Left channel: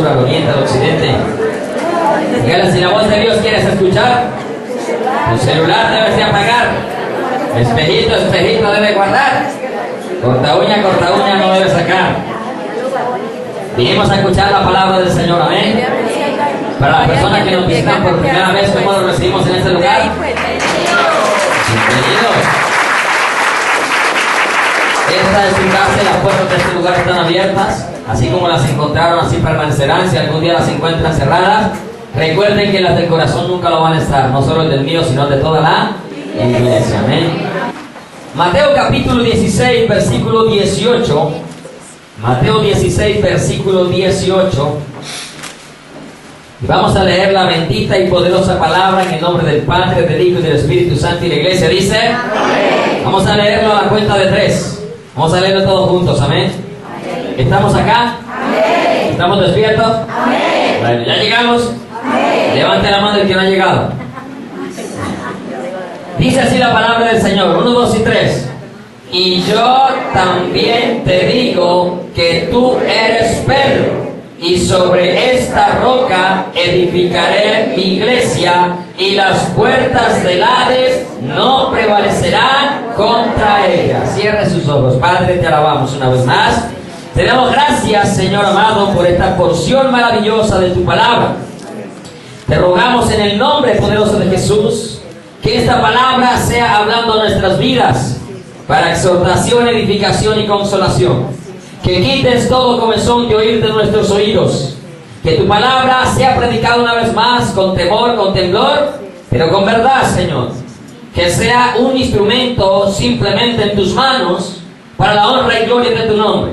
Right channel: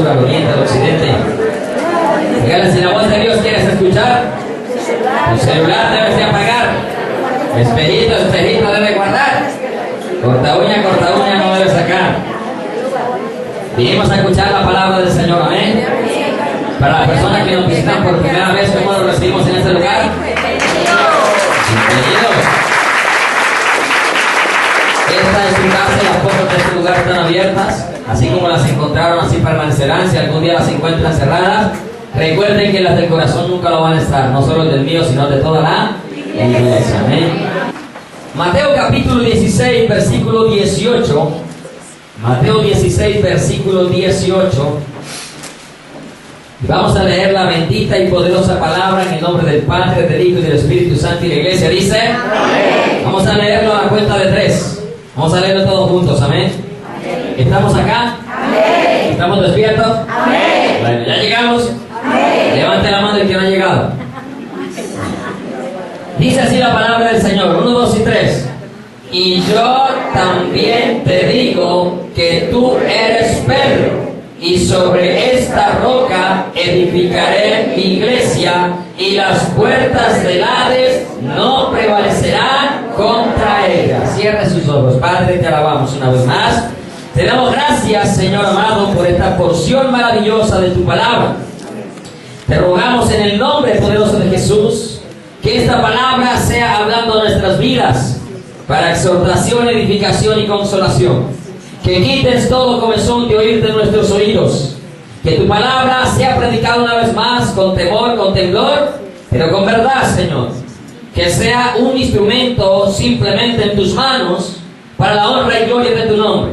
sur, al oriente, al occidente. Dígale, si la voz de Dios quieres escuchar, tu celular debes de apagar. Espejito, espejito debe guardar. Corta uña no debe sacar. Vinimos a escuchar la palabra del Señor, amén. Para las personas que nos visitan por primera vez, ¿cómo lo recibimos en este lugar? Bienvenidos. Esta es su casa y las puertas de este lugar están abiertas. Así como las encontraron, así permanecerán. Si algún día las encuentran cerradas, recuerden que las del corazón nunca lo van a estar. No solo el del mío, sino de toda la iglesia. Amén. Mateo capítulo 16, versículo 18. Mateo 16, versículo 18. Y vamos a leer la bendita y poderosa palabra en el nombre del Padre, del Hijo y del Espíritu Santo. Y la iglesia dice: amén. Vamos a leerlo a la cuenta de 3. Vamos a leerlo todos juntos, amén. ¿Estamos acá? Amén. ¿Estamos despiertos? Amén. Bueno, ¿ya llegamos? Amén. Levante la mano el que no ha llegado. Dice así la palabra del Señor: 1, 2 y 3. Y yo también te digo que tú eres Pedro, y sobre esta roca edificaré mi iglesia, y las puertas del Hades no prevalecerán contra ella. Cierre sus ojos. Padre, te alabamos una vez más. Te damos gracias, Señor amado, por esta porción maravillosa de tu palabra. Te rogamos en el nombre poderoso de Jesús que esta palabra sea hablando a nuestras vidas para exhortación, edificación y consolación. Que quites todo comezón de oír de nuestros oídos. Que tu palabra sea predicada una vez más con temor, con temblor, pero con verdad, Señor. Que sea un instrumento simplemente en tus manos para la honra y gloria de tu nombre.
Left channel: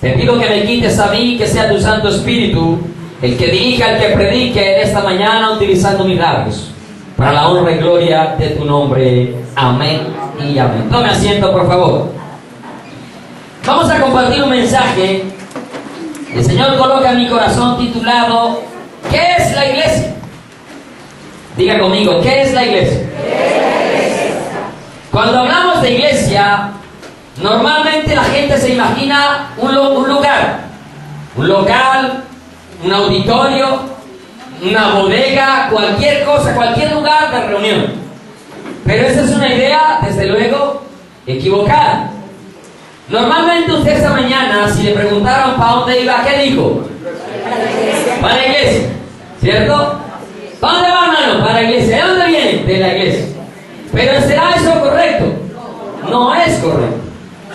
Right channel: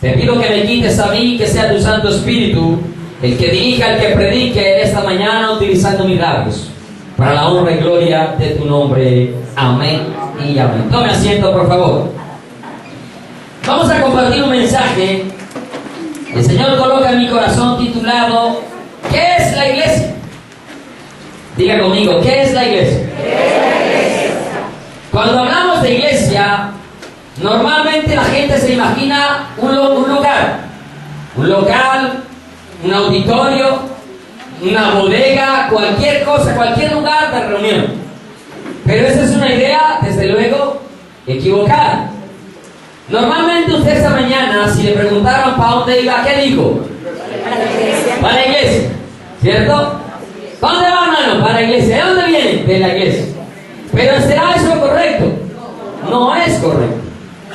Te pido que me quites a mí, que sea tu Santo Espíritu el que dirija, el que predique esta mañana utilizando mis labios, para la honra y gloria de tu nombre. Amén y amén. Tome asiento, por favor. Vamos a compartir un mensaje. El Señor coloca en mi corazón titulado: ¿qué es la iglesia? Diga conmigo, ¿qué es la iglesia? ¿Qué es la iglesia? Cuando hablamos de iglesia, normalmente la gente se imagina un lugar, un local, un auditorio, una bodega, cualquier cosa, cualquier lugar de reunión. Pero esa es una idea, desde luego, equivocada. Normalmente usted esta mañana, si le preguntaron para dónde iba, ¿qué dijo? Para la iglesia. Para la iglesia, ¿cierto? ¿Para dónde va, hermano? Para la iglesia. ¿De dónde viene? De la iglesia. Pero ¿será eso correcto? No es correcto,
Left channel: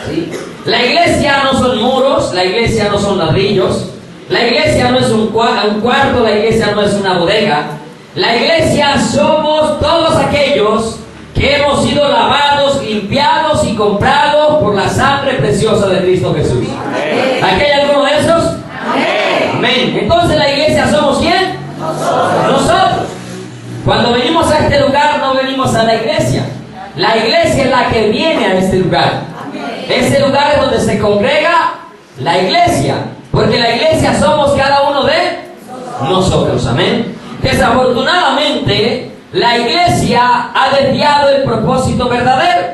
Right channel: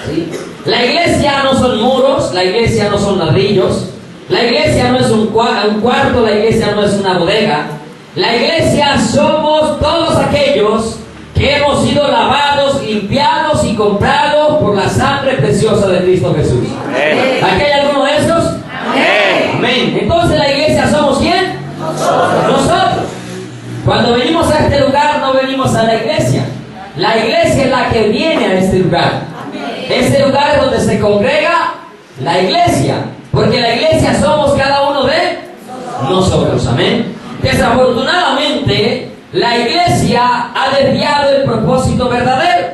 ¿sí? La iglesia no son muros, la iglesia no son ladrillos, la iglesia no es un cuarto, la iglesia no es una bodega. La iglesia somos todos aquellos que hemos sido lavados, limpiados y comprados por la sangre preciosa de Cristo Jesús. Amén. ¿Aquí hay alguno de estos? Amén. Amén. Entonces la iglesia somos ¿quién? Nosotros. Cuando venimos a este lugar no venimos a la iglesia. La iglesia es la que viene a este lugar. Amén. Este lugar es donde se congrega la iglesia, porque la iglesia somos cada uno de nosotros. Amén. Desafortunadamente, la iglesia ha desviado el propósito verdadero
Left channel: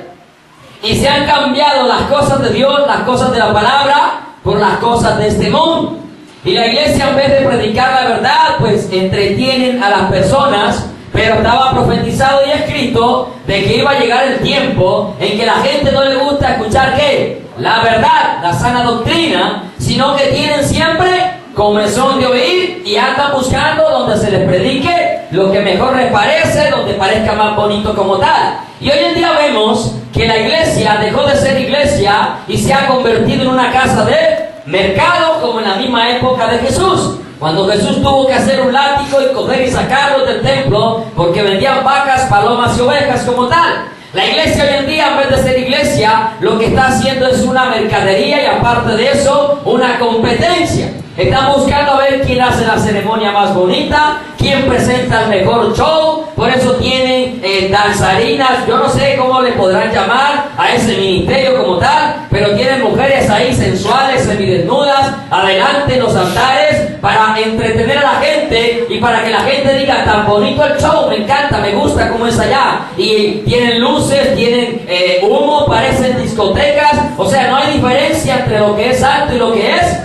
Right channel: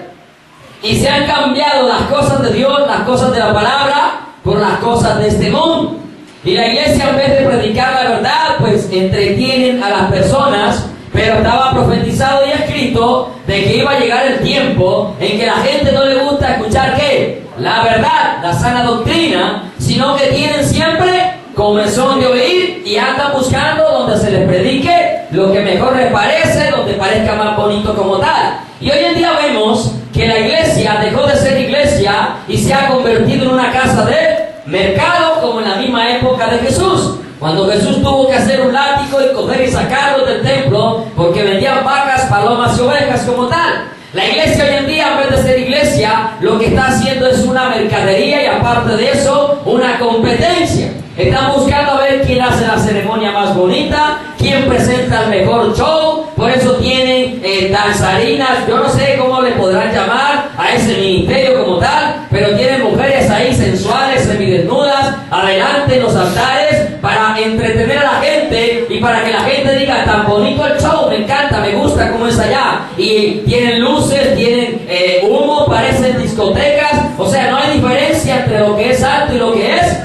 y se han cambiado las cosas de Dios, las cosas de la palabra, por las cosas de este mundo. Y la iglesia, en vez de predicar la verdad, pues entretienen a las personas. Pero estaba profetizado y escrito de que iba a llegar el tiempo en que la gente no le gusta escuchar ¿qué? La verdad, la sana doctrina, sino que tienen siempre comezón de oír y andan buscando donde se les predique lo que mejor les parece, donde parezca más bonito como tal. Y hoy en día vemos que la iglesia dejó de ser iglesia y se ha convertido en una casa de mercado, como en la misma época de Jesús. Cuando Jesús tuvo que hacer un látigo y coger y sacarlos del templo porque vendían vacas, palomas y ovejas como tal. La iglesia hoy en día, en vez de ser iglesia, lo que está haciendo es una mercadería y aparte de eso, una competencia. Están buscando a ver quién hace la ceremonia más bonita, quién presenta el mejor show. Por eso tienen danzarinas, yo no sé cómo le podrán llamar a ese ministerio como tal, pero tienen mujeres ahí sensuales, semidesnudas, adelante en los altares para entretener a la gente y para que la gente diga: tan bonito el show, me encanta, me gusta cómo es allá. Y tienen luces, tienen humo, parecen discotecas. O sea, no hay diferencia entre lo que es santo y lo que es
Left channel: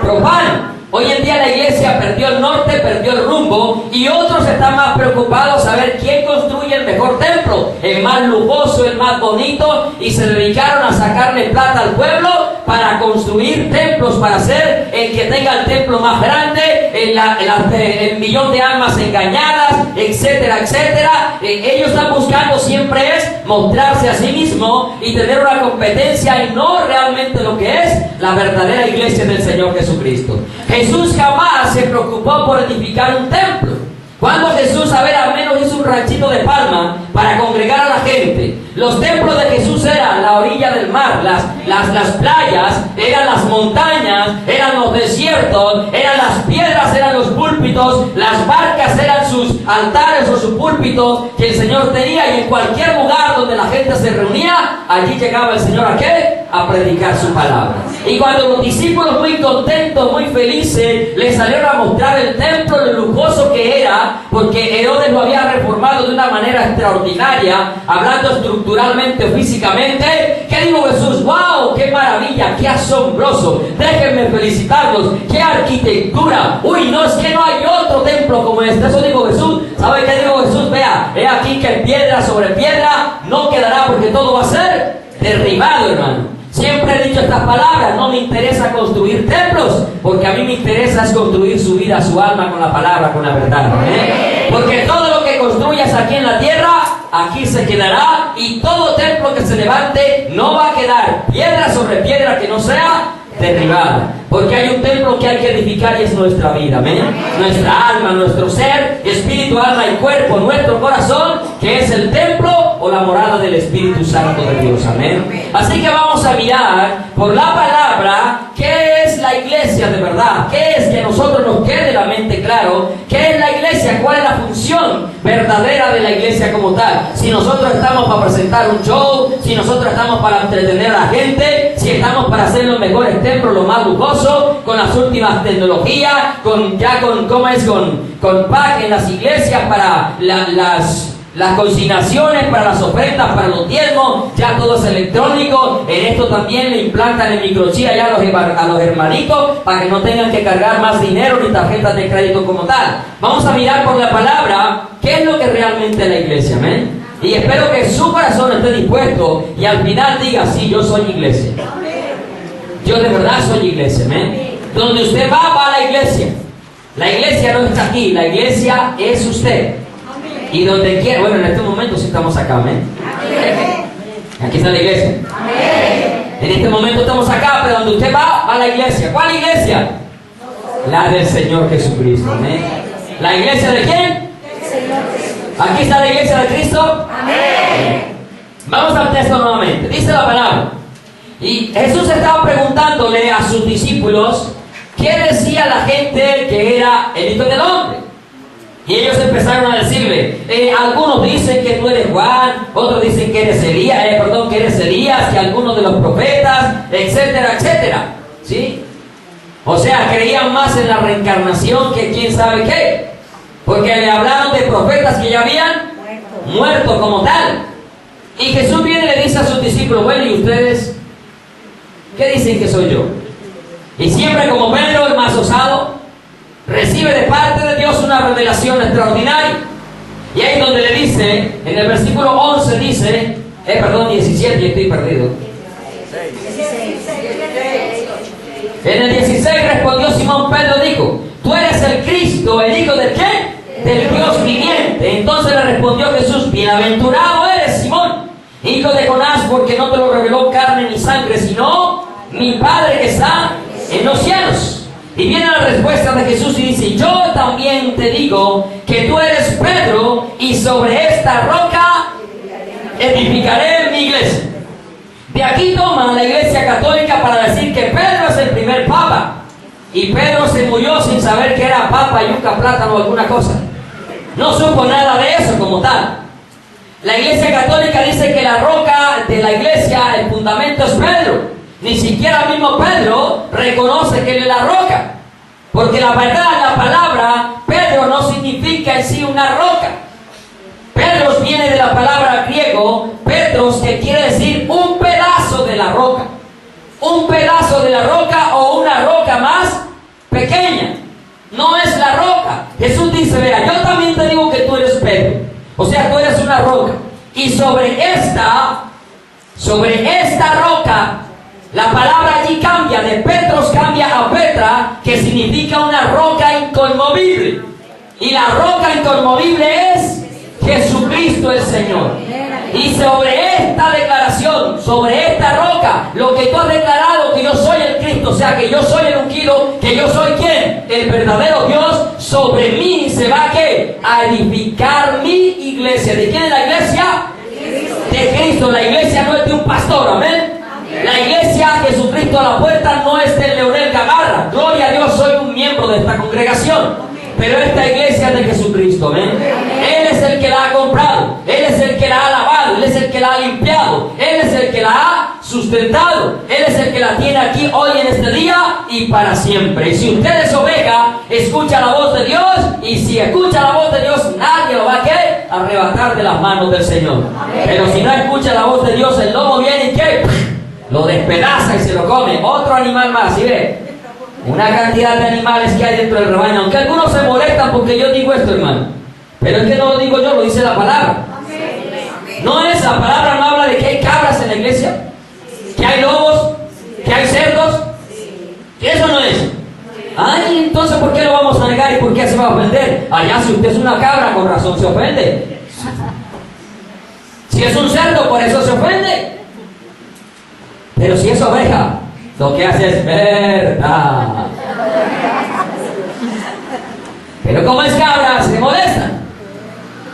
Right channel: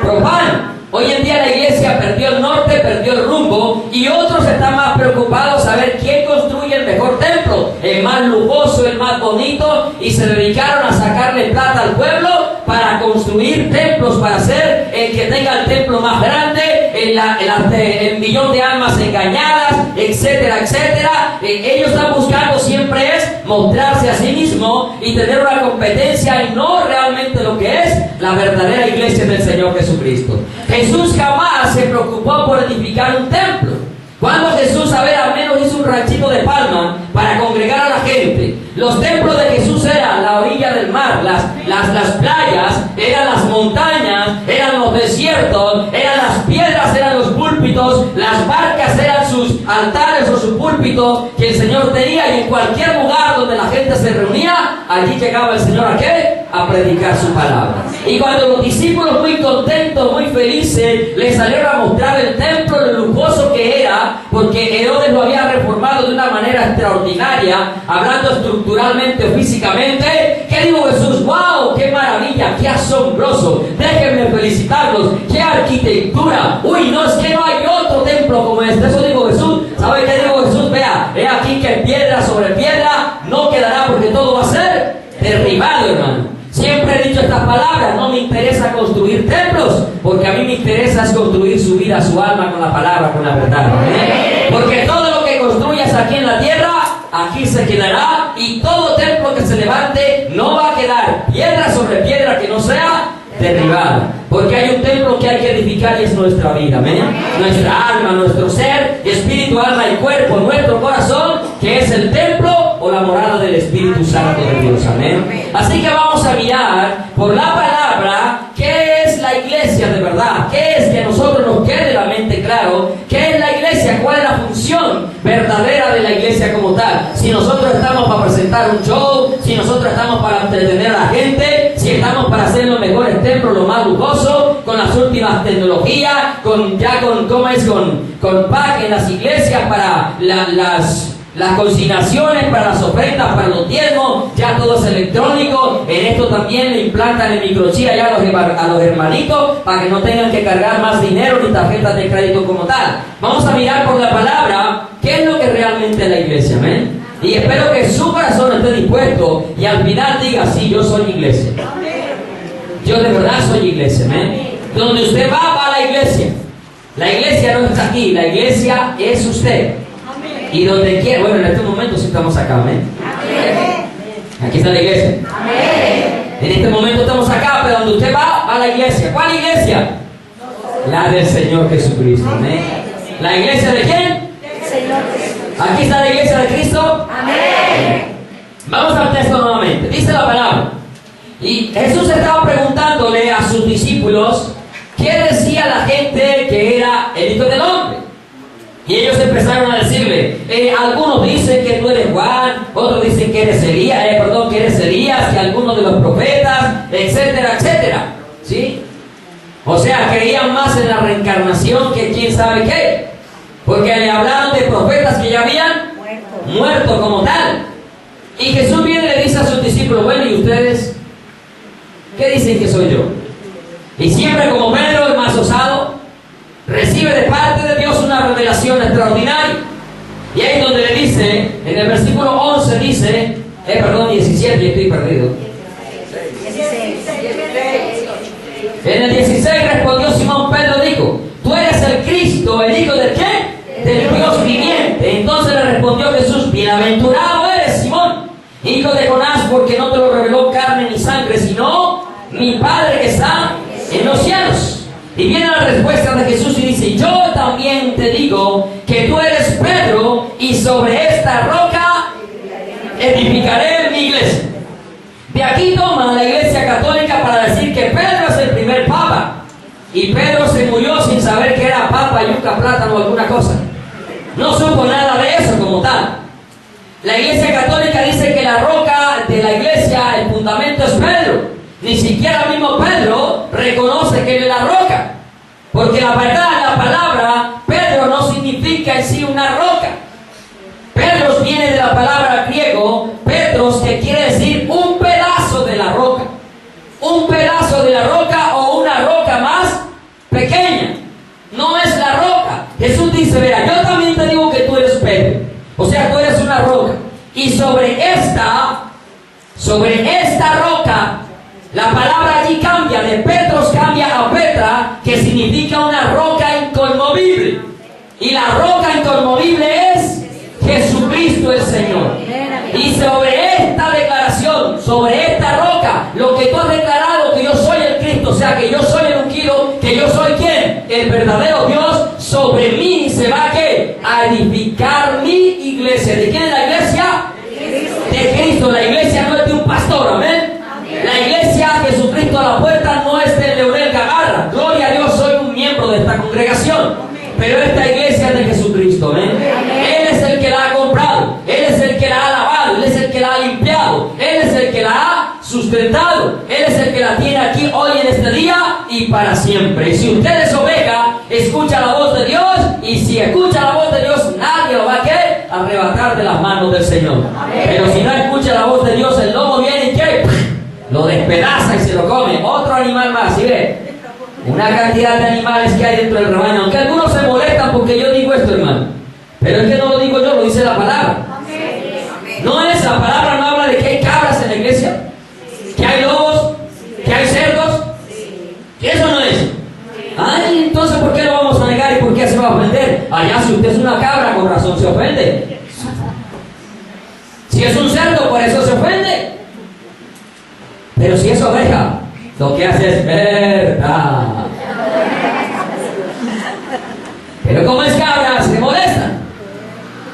profano. Hoy en día la iglesia perdió el norte, perdió el rumbo, y otros están más preocupados a ver quién construye el mejor templo, el más lujoso, el más bonito, y se dedicaron a sacarle plata al pueblo para construir templos, para ser el que tenga el templo más grande, el millón de almas engañadas, etcétera, etcétera. Ellos están buscando siempre es mostrarse a sí mismo y tener una competencia, y no realmente lo que es la verdadera iglesia del Señor Jesucristo. Jesús jamás se preocupó por edificar un templo. Cuando Jesús, a ver, al menos hizo un ranchito de palma para congregar a la gente. Los templos de Jesús eran la orilla del mar, las playas, eran las montañas, eran los desiertos, eran las piedras, eran los púlpitos, las barcas eran sus altares o sus púlpitos que el Señor tenía, y en cualquier lugar donde la gente se reunía, allí llegaba el Señor ¿a qué? A predicar su palabra. Y cuando los discípulos, muy contentos, muy felices, les salieron a mostrar el templo, lo lujoso que era, porque Herodes lo había reformado de una manera extraordinaria, hablando estructuralmente o físicamente, ¿qué dijo Jesús? ¡Wow! ¡Qué maravilla! ¡Qué asombroso! Déjenme felicitarlos. ¡Qué arquitectura! ¡Uy! No, es que no hay otro templo como este. Eso dijo Jesús. ¿Sabe qué dijo Jesús? Vea, he aquí que piedra sobre piedra no quedará, porque todo va a ser derribado, hermano. Siempre he dicho estas palabras: no me interesa construir templos, porque a mí me interesa es construir su vida, su alma con la palabra, con la verdad. Porque todo lo que construyas aquí en la tierra, aquí se quedará, y todo templo que se levante no va a quedar piedra sobre piedra que no sea derribada. Porque hay un templo que hay que edificar, y es nuestra vida, amén. Nuestra alma, nuestro ser, espíritu, alma y cuerpo, nuestro corazón, que es el templo o la morada del Espíritu Santo de Dios, amén. Así que vamos a mirar por la palabra qué es la iglesia de verdad, qué es, que a nosotros nos quede la mente claro, qué es la iglesia, cuál es la función verdadera de la iglesia como tal. Si nosotros estamos para presentar un show, si nosotros estamos para entretener a la gente, si estamos para hacer los mejores templos, los más lujosos, con las últimas tecnologías, con pack en las iglesias para las consignaciones, para las ofrendas, para los diezmos, ya todo es electrónico. En esto también le implantan el microchip allá a los hermanitos para que no tengan que cargar más dinero ni tarjetas de crédito como tal. Vamos a mirar por la palabra qué es lo que realmente es la iglesia, amén. Y espero que su corazón esté dispuesto y al final diga: sí, yo soy iglesia. Yo de verdad soy iglesia, amén. Donde usted va a la iglesia. La iglesia no está aquí, la iglesia es usted. Y donde quiera, bueno, en este momento sí estamos acá, amén. Aquí está la iglesia. En este momento estamos acá, pero donde usted va a la iglesia. ¿Cuál iglesia? La del Señor Jesucristo, amén. ¿La iglesia de quién? Aquí está la iglesia de Cristo. Amén. Vamos al texto nuevamente. Dice la palabra: y Jesús estaba preguntándole a sus discípulos qué decía la gente que era el Hijo del Hombre. Y ellos empezaron a decirle: algunos dicen que tú eres Juan, otros dicen que eres Elías, que algunos de los profetas, etcétera, etcétera. ¿Sí? O sea, creían más en la reencarnación que quién sabe qué. Porque le hablaron de profetas que ya habían muerto como tal. Y Jesús viene y le dice a sus discípulos: bueno, ¿y ustedes qué dicen que soy yo? Y siempre, como Pedro, el más osado, recibe de parte de Dios una revelación extraordinaria. Y ahí es donde le dice, en el versículo 11 dice, 17, y estoy perdido. En el 16 respondió Simón Pedro, dijo: tú eres el Cristo, el Hijo del ¿qué? Del Dios viviente. Entonces le respondió Jesús: bienaventurado eres, Simón, hijo de Jonás, porque no te lo reveló carne ni sangre, sino mi Padre que está en los cielos. Y viene la respuesta de Jesús y dice: yo también te digo que tú eres Pedro, y sobre esta roca edificaré mi iglesia. De aquí toma la Iglesia Católica para decir que Pedro es el primer papa, y Pedro se murió sin saber que era papa, yuca, plátano o alguna cosa. No supo nada de eso como tal. La Iglesia Católica dice que la roca de la iglesia, el fundamento, es Pedro. Ni siquiera el mismo Pedro reconoce que él es la roca, porque la verdad, la palabra Pedro no significa en sí una roca. Pedros viene de la palabra griego Petros, que quiere decir un pedazo de la roca. Un pedazo de la roca o una roca más pequeña. no es la roca. Jesús dice, vea, yo también te digo que tú eres Pedro. O sea, tú eres una roca. Y sobre esta roca, la palabra allí cambia, de Petros cambia a Petra, que significa una roca inconmovible. Y la roca inconmovible es Jesucristo el Señor. Y sobre esta declaración, sobre esta roca, lo que tú has declarado, que yo soy el Cristo, o sea, que yo soy el ungido, que yo soy ¿quién? El verdadero Dios, sobre mí se va a ¿qué? A edificar mi iglesia. ¿De quién es la iglesia? De Cristo. La iglesia no es de un pastor, amén. La iglesia, Jesucristo a la puerta, no es de Leonel Gamarra. Gloria a Dios, soy un miembro de esta congregación. Pero esta iglesia es de Jesucristo, amén. Él es el que la ha comprado, Él es el que la ha lavado, Él es el que la ha limpiado, Él es el que la ha sustentado, Él es el que la tiene aquí hoy en este día y para siempre. Y si usted es oveja, escucha la voz de Dios, y si escucha la voz de Dios, nadie lo va a ¿qué? Arrebatar de las manos del Señor. Pero si no escucha la voz de Dios, el lobo viene y ¿qué? Lo despedaza y se lo come. Otro animal más, ¿sí ve? Una cantidad de animales que hay dentro del rebaño, aunque algunos se molestan porque yo digo esto, hermano, pero es que no lo digo yo, lo dice la palabra. No es, la palabra no habla de que hay cabras en la iglesia, que hay lobos, que hay cerdos, que eso no es. Ay, entonces ¿por qué lo vamos a negar y por qué se va a ofender? Allá si usted es una cabra, con razón se ofende. Si es un cerdo, por eso se ofende. Pero si es oveja, lo que hace es verdad. Pero como es cabra, se molesta.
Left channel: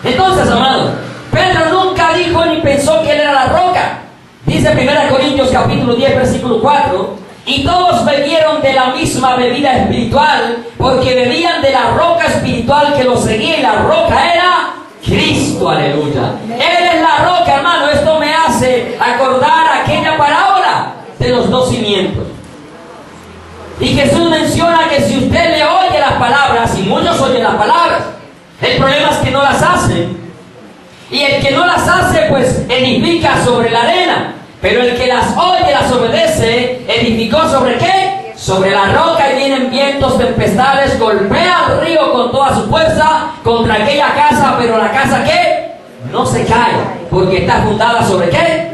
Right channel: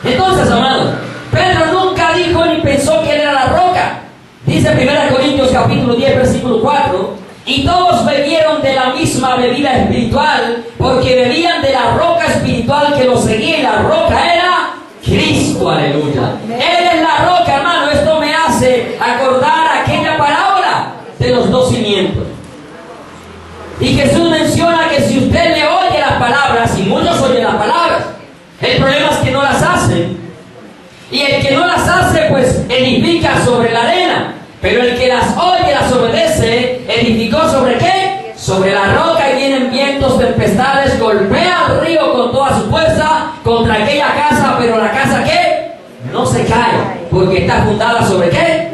Entonces, amados, Pedro nunca dijo ni pensó que él era la roca. Dice 1 Corintios capítulo 10, versículo 4: y todos bebieron de la misma bebida espiritual, porque bebían de la roca espiritual que los seguía, y la roca era Cristo, aleluya. Él es la roca, hermano. Esto me hace acordar aquella parábola de los dos cimientos. Y Jesús menciona que si usted le oye las palabras, y muchos oyen las palabras, el problema es que no las hacen. Y el que no las hace, pues edifica sobre la arena. Pero el que las oye, las obedece, edificó ¿sobre qué? Sobre la roca, y vienen vientos, tempestades, golpea el río con toda su fuerza contra aquella casa, pero la casa ¿qué? No se cae, porque está fundada ¿sobre qué?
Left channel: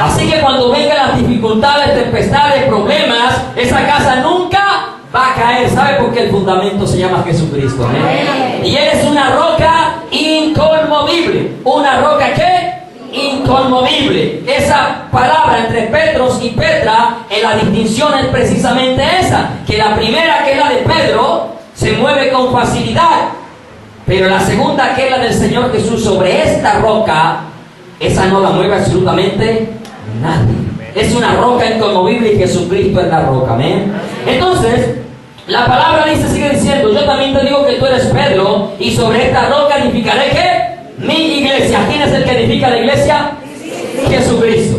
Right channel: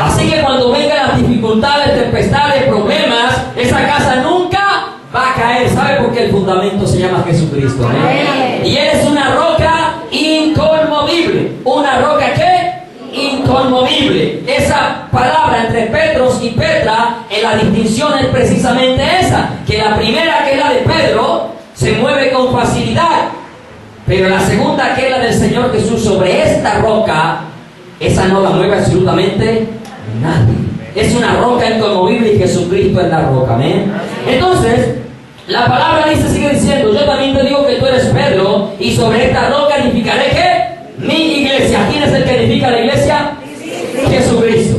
Así que cuando vengan las dificultades, tempestades, problemas, esa casa nunca va a caer. ¿Sabe por qué? El fundamento se llama Jesucristo, ¿eh? Y Él es una roca inconmovible. ¿Una roca qué? Inconmovible. Esa palabra entre Petros y Petra, en la distinción es precisamente esa, que la primera, que es la de Pedro, se mueve con facilidad, pero la segunda, que es la del Señor Jesús, sobre esta roca, esa no la mueve absolutamente nadie. Es una roca inconmovible, y Jesucristo es la roca, amén. Entonces, la palabra dice, sigue diciendo: yo también te digo que tú eres Pedro, y sobre esta roca edificaré ¿qué? Mi iglesia. ¿Quién es el que edifica la iglesia? Jesucristo.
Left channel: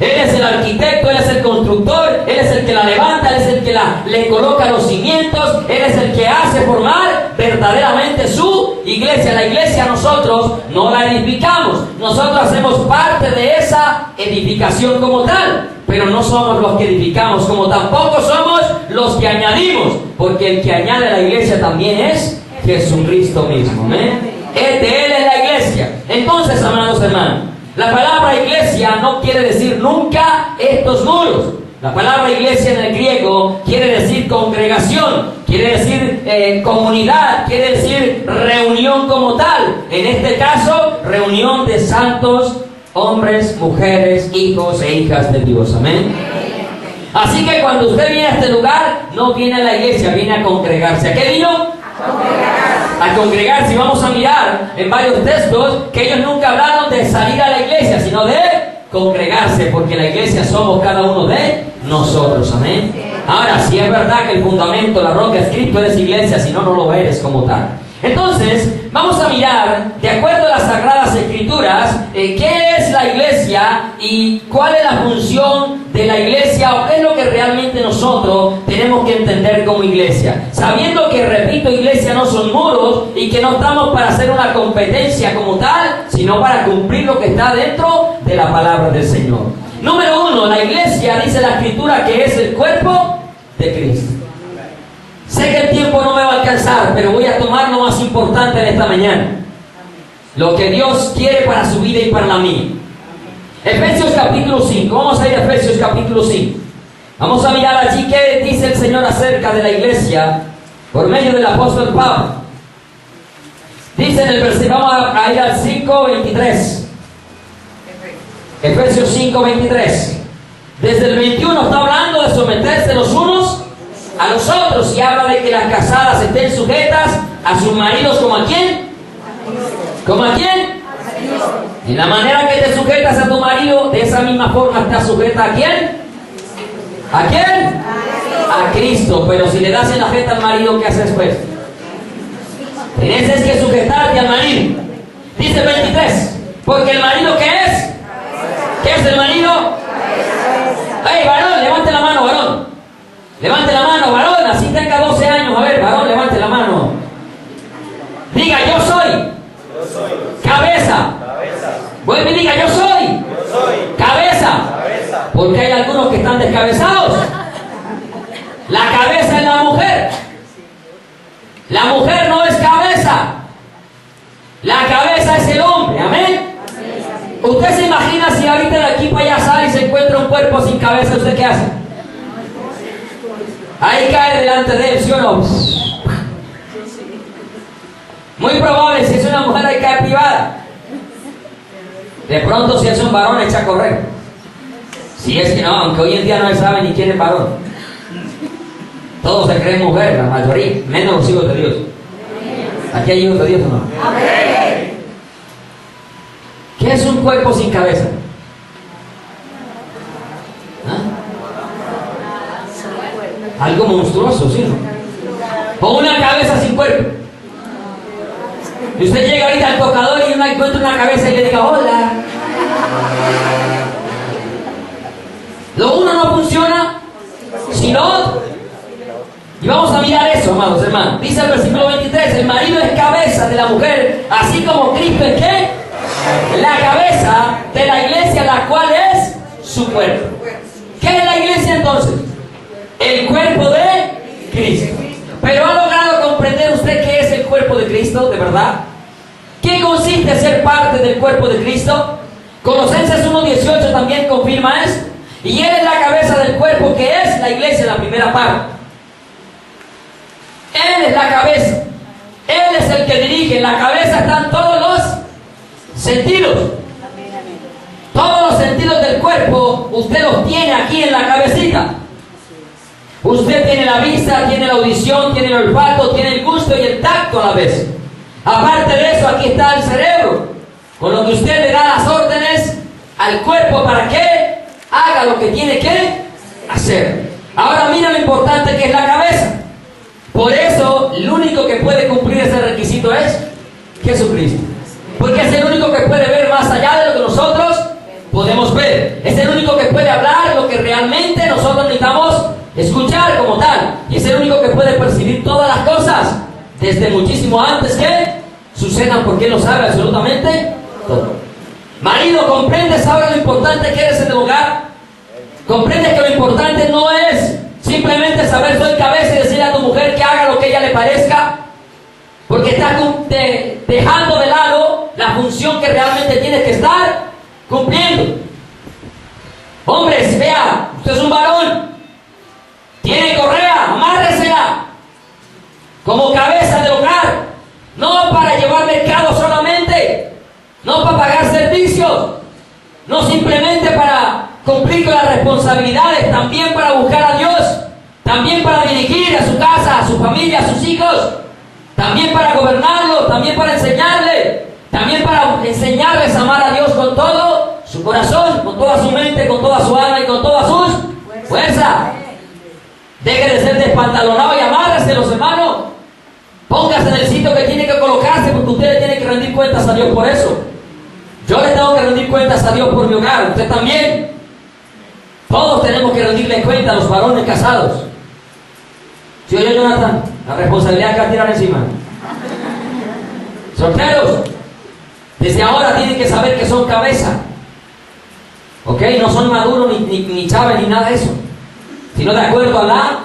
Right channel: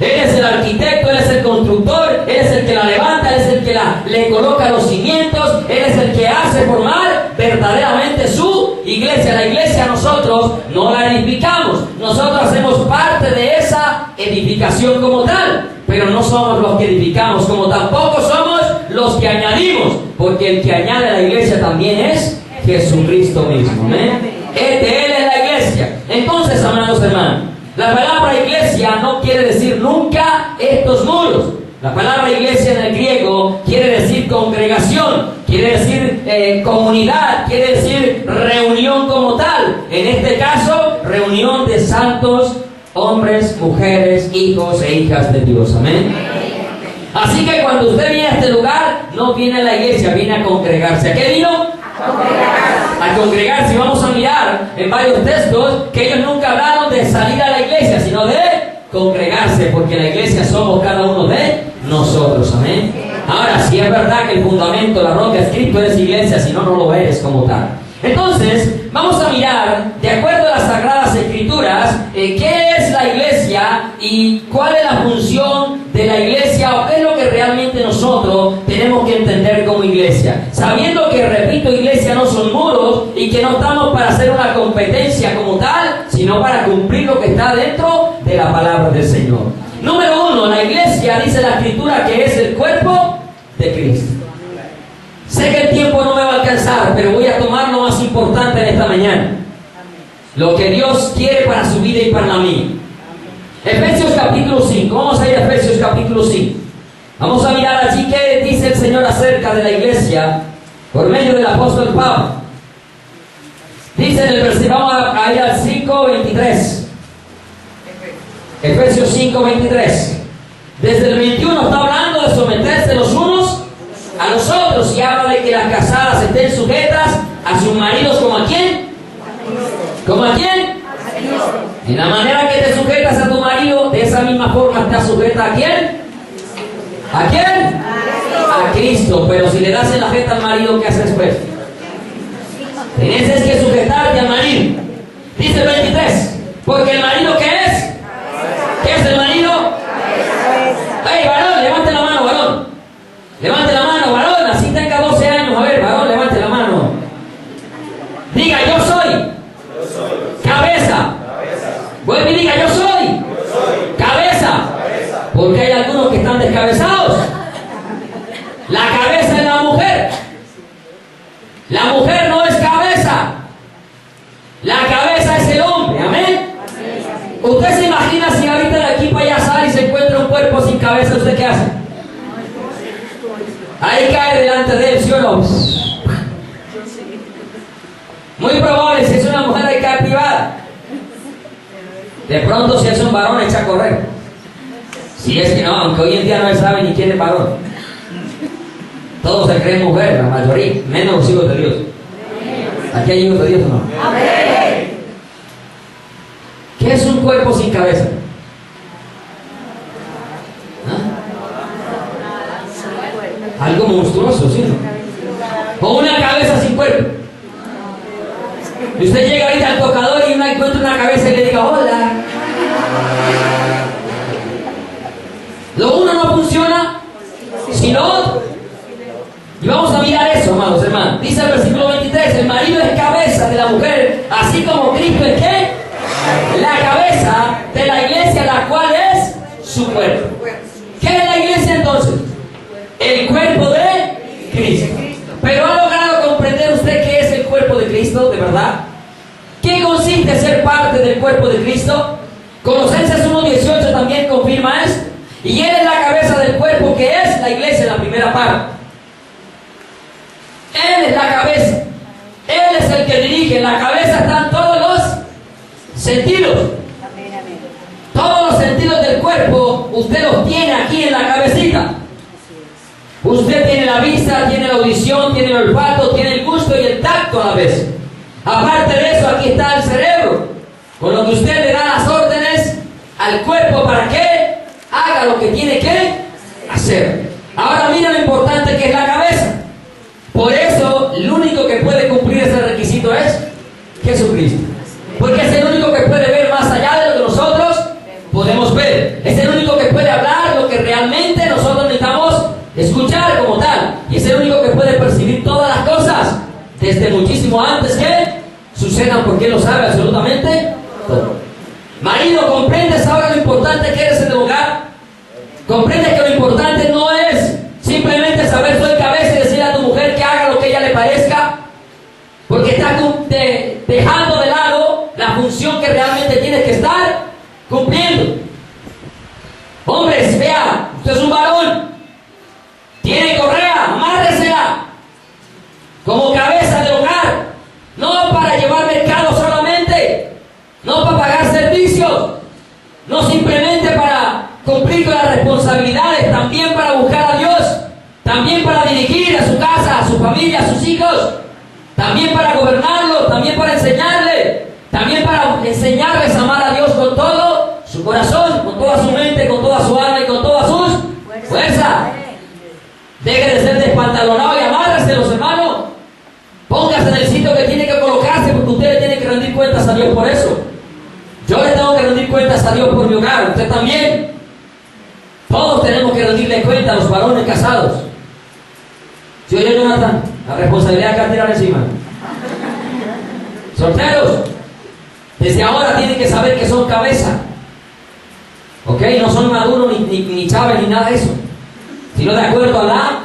Él es el arquitecto, Él es el constructor, Él es el que la levanta, Él es el que le coloca los cimientos, Él es el que hace formar verdaderamente su iglesia. La iglesia nosotros no la edificamos, nosotros hacemos parte de esa edificación como tal, pero no somos los que edificamos, como tampoco somos los que añadimos, porque el que añade a la iglesia también es Jesucristo mismo, ¿eh? De Él es la iglesia. Entonces, amados hermanos, la palabra iglesia no quiere decir nunca estos muros. La palabra iglesia en el griego quiere decir congregación, quiere decir comunidad, quiere decir reunión como tal. En este caso, reunión de santos, hombres, mujeres, hijos e hijas de Dios. Amén. Así que cuando usted viene a este lugar, no viene a la iglesia, viene a congregarse. ¿A qué vino? A congregarse. Y vamos a mirar en varios textos que ellos nunca hablaron de salir a la iglesia, sino de congregarse, porque la iglesia somos cada uno de nosotros, amén. Ahora, si es verdad que el fundamento, la roca es Cristo, eres iglesia, si no, no lo eres como tal. Entonces, vamos a mirar, de acuerdo a las Sagradas Escrituras, qué es la iglesia y cuál es la función de la iglesia, o qué es lo que realmente nosotros tenemos que entender como iglesia. Sabiendo que, repito, iglesia no son muros, y que no estamos para hacer una competencia como tal, sino para cumplir lo que está dentro de la palabra del Señor. Número uno, la iglesia, dice la Escritura, que es el cuerpo de Cristo. Sé que el tiempo no me va a alcanzar, pero voy a tomar lo más importante en esta mañana. Lo que Dios quiere para su vida y para la mía. Efesios capítulo 5. Vamos a ir a Efesios capítulo 5. Vamos a mirar allí qué dice el Señor acerca de la iglesia por medio del apóstol Pablo. Dice en el versículo, vamos a ir al 5:23. Efesios 5:23. Desde el 21 está hablando de someterse los unos a los otros y habla de que las casadas estén sujetas a sus maridos como a quién. ¿Como a quién? Y la manera que te sujetas a tu marido, de esa misma forma estás sujeta a quién. ¿A quién? A Cristo. Pero si le das en la jeta al marido, ¿qué haces pues? Tienes que sujetarte al marido. Dice el 23. Porque el marido, ¿qué es? ¿Qué es el marido? ¡Hey, varón! Levante la mano, varón. Levante la mano, varón. Así tenga 12 años. A ver, varón, levante la mano. Diga, yo soy. Cabeza. Vuelve y diga, yo soy. Cabeza. Porque hay algunos que están descabezados. La cabeza es la mujer. La mujer no es cabeza. La cabeza es el hombre. Amén. ¿Usted se imagina si ahorita de aquí para allá sale y se encuentra un cuerpo sin cabeza? ¿Usted qué hace? Ahí cae delante de él, ¿sí o no? Muy probable, si es una mujer, ahí cae privada. De pronto, si es un varón, echa a correr. Si es que no, aunque hoy en día no se sabe ni quién es varón. Todos se creen mujer, la mayoría, menos los hijos de Dios. ¿Aquí hay hijos de Dios o no? Amén. ¿Qué es un cuerpo sin cabeza? ¿Ah? Algo monstruoso, ¿sí? O una cabeza sin cuerpo. Y usted llega ahorita al tocador y uno encuentra una cabeza y le diga hola. Lo uno no funciona si lo otro. Y vamos a mirar eso, amados hermanos. Dice el versículo 23, el marido es cabeza de la mujer, así como Cristo es ¿qué? La cabeza de la iglesia, la cual es su cuerpo. ¿Qué es la iglesia entonces? El cuerpo de Cristo. Pero ¿ha logrado comprender usted qué es el cuerpo de Cristo, de verdad? ¿Qué consiste ser parte del cuerpo de Cristo? Colosenses 1:18 también confirma esto. Y Él es la cabeza del cuerpo, que es la iglesia, la primera parte. Él es la cabeza. Él es el que dirige. En la cabeza están todos los sentidos. Todos los sentidos del cuerpo, usted los tiene aquí en la cabecita. Usted tiene la vista, tiene la audición, tiene el olfato, tiene el gusto y el tacto a la vez. Aparte de eso, aquí está el cerebro, con lo que usted le da las órdenes al cuerpo para que haga lo que tiene que hacer. Ahora mira lo importante que es la cabeza. Por eso, el único que puede cumplir ese requisito es Jesucristo. Porque es el único que puede ver más allá de lo que nosotros podemos ver. Es el único que puede hablar lo que realmente nosotros necesitamos escuchar como tal. Y es el único que puede percibir todas las cosas desde muchísimo antes que sucedan, porque Él lo sabe absolutamente todo. Marido, ¿comprendes ahora lo importante que eres en el hogar? ¿Comprendes que lo importante no es simplemente saber soy cabeza y decirle a tu mujer que haga lo que a ella le parezca? Porque estás dejando de lado la función que realmente tienes que estar cumpliendo. Hombres, vea, usted es un varón, tiene correa, amárresela como cabeza del hogar, no para llevar mercado solamente, no para pagar servicios, no simplemente para cumplir con las responsabilidades, también para buscar a Dios, también para dirigir a su casa, a su familia, a sus hijos, también para gobernarlo, también para enseñarle, también para enseñarles a amar a Dios con todo su corazón, con toda su mente, con toda su alma y con todas sus fuerzas. Deje de ser despantalonado y amárrese, los hermanos. Póngase en el sitio que tiene que colocarse, porque usted le tiene que rendir cuentas a Dios por eso. Yo le tengo que rendir cuentas a Dios por mi hogar, usted también. Todos tenemos que rendirle cuenta a los varones casados. ¿Sí oye, Jonathan? La responsabilidad que va a tirar encima. Solteros, desde ahora tienen que saber que son cabeza. ¿Ok? No son maduros ni chaves ni nada de eso, sino de acuerdo a la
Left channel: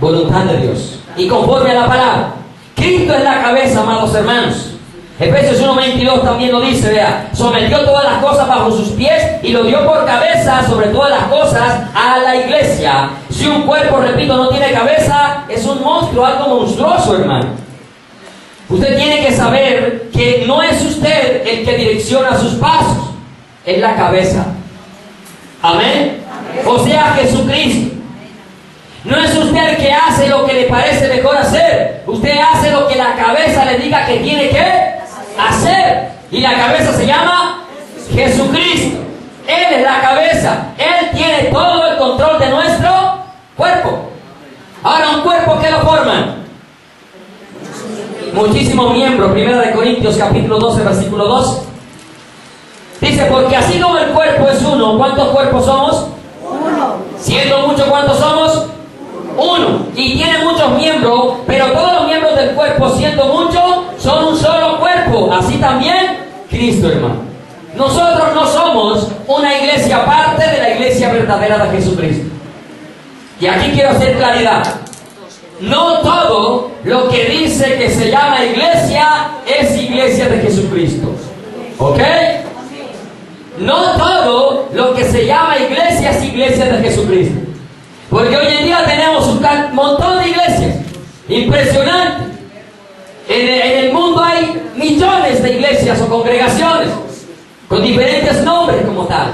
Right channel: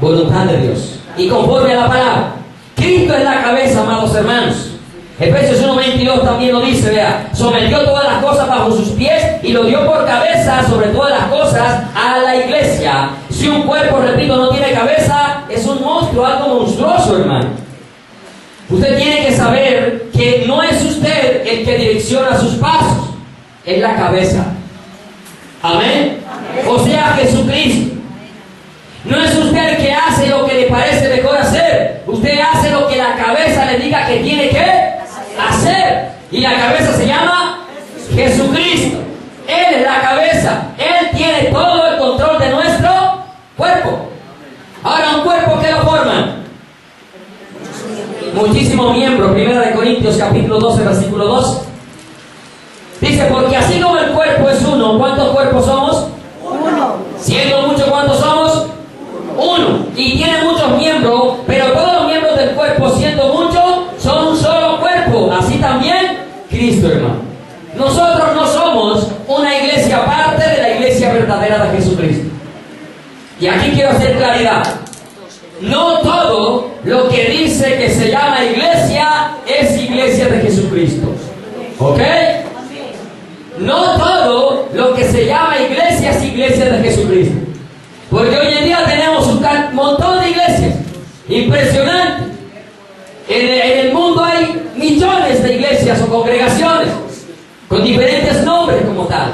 voluntad de Dios. y conforme a la palabra. Cristo es la cabeza, amados hermanos. Efesios 1:22 también lo dice, vea, sometió todas las cosas bajo sus pies y lo dio por cabeza sobre todas las cosas a la iglesia. Si un cuerpo, repito, no tiene cabeza, es un monstruo, algo monstruoso, hermano. Usted tiene que saber que no es usted el que direcciona sus pasos, es la cabeza. Amén. O sea, Jesucristo. No es usted el que hace lo que le parece mejor hacer. Usted hace lo que la cabeza le diga que tiene que hacer. Y la cabeza se llama Jesucristo. Él es la cabeza. Él tiene todo el control de nuestro cuerpo. Ahora, un cuerpo, ¿qué lo forman? Muchísimos miembros. 1 Corintios capítulo 12, versículo 2. Dice, porque así como el cuerpo es uno, ¿cuántos cuerpos somos? Uno. Siendo muchos, ¿cuántos somos? Uno. Y tiene muchos miembros, pero todos los miembros del cuerpo, siendo muchos, son un solo cuerpo. Así también Cristo, hermano. Nosotros no somos una iglesia aparte de la iglesia verdadera de Jesucristo. Y aquí quiero hacer claridad. No todo lo que dice que se llama iglesia es iglesia de Jesucristo. ¿Ok? No todo lo que se llama iglesia es iglesia de Jesucristo. Porque hoy en día tenemos un montón de iglesias. Impresionante. En el mundo hay millones de iglesias o congregaciones con diferentes nombres como tal.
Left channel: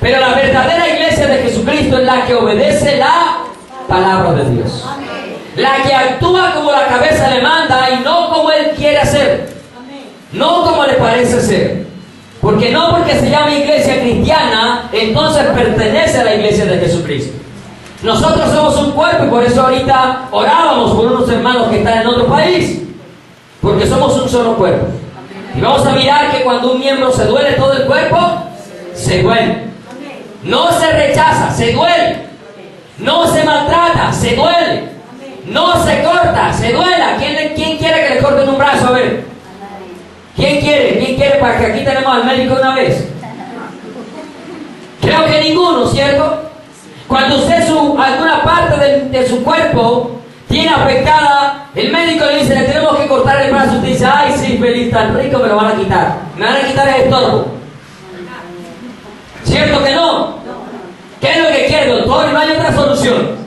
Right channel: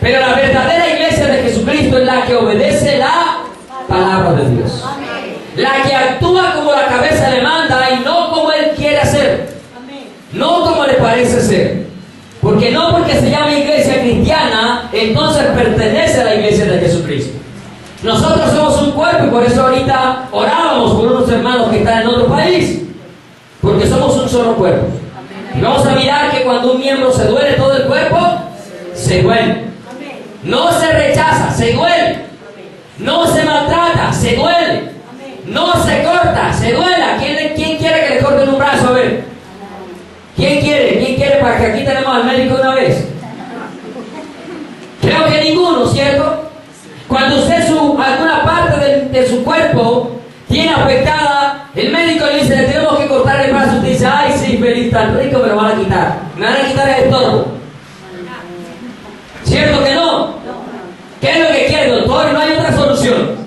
Pero la verdadera iglesia de Jesucristo es la que obedece la palabra de Dios. La que actúa como la cabeza le manda y no como Él quiere hacer. No como le parece ser. Porque no porque se llama iglesia cristiana, entonces pertenece a la iglesia de Jesucristo. Nosotros somos un cuerpo y por eso ahorita orábamos por unos hermanos que están en otro país. Porque somos un solo cuerpo. Y vamos a mirar que cuando un miembro se duele, todo el cuerpo se duele. No se rechaza, se duele. No se maltrata, se duele. No se corta, se duela. ¿Quién quiere que le corten un brazo? A ver. ¿Quién quiere? ¿Quién quiere? Para que aquí tenemos al médico una vez. Creo que ninguno, ¿cierto? Cuando usted alguna parte de su cuerpo tiene afectada, el médico le dice, le tenemos que cortar el brazo. Usted dice, ay, sí, feliz, tan rico, me lo van a quitar. Me van a quitar el estómago. ¿Cierto que no? ¿Qué es lo que quiere, doctor? No hay otra solución.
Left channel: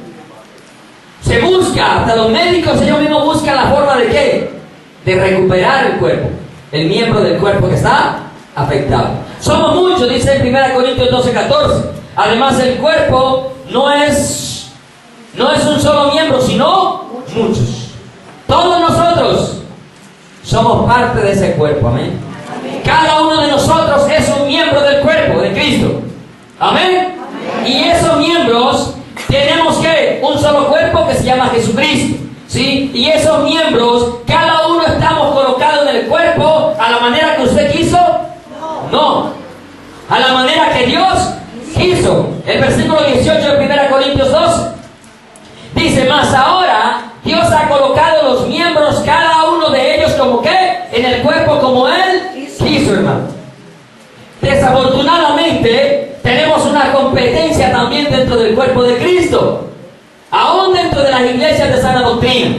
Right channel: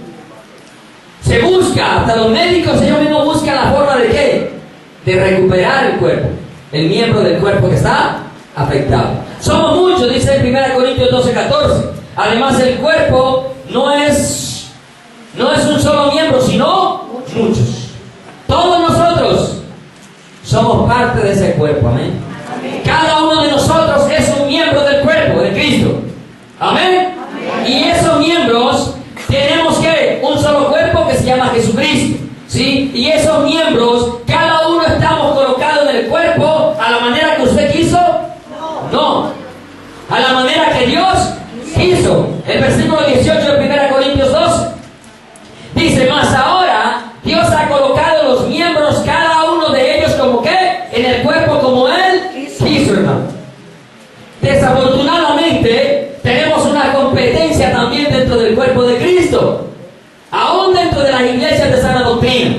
Se busca, hasta los médicos ellos mismos buscan la forma de ¿qué? De recuperar el cuerpo, el miembro del cuerpo que está afectado. Somos muchos, dice en 1 Corintios 12:14. Además, el cuerpo no es un solo miembro, sino muchos. Todos nosotros somos parte de ese cuerpo, amén. Cada uno de nosotros es un miembro del cuerpo de Cristo, amén. Y esos miembros tenemos que un solo cuerpo que se llama Jesucristo, ¿sí? Y esos miembros, cada uno estamos colocados en el cuerpo a la manera que usted quiso, no, a la manera que Dios quiso. El versículo 18 de 1 Corintios 2 dice, mas ahora Dios ha colocado los miembros, cada uno de ellos como que en el cuerpo como Él quiso, hermano. Desafortunadamente tenemos una competencia también dentro del cuerpo de Cristo, aún dentro de las iglesias de sana doctrina.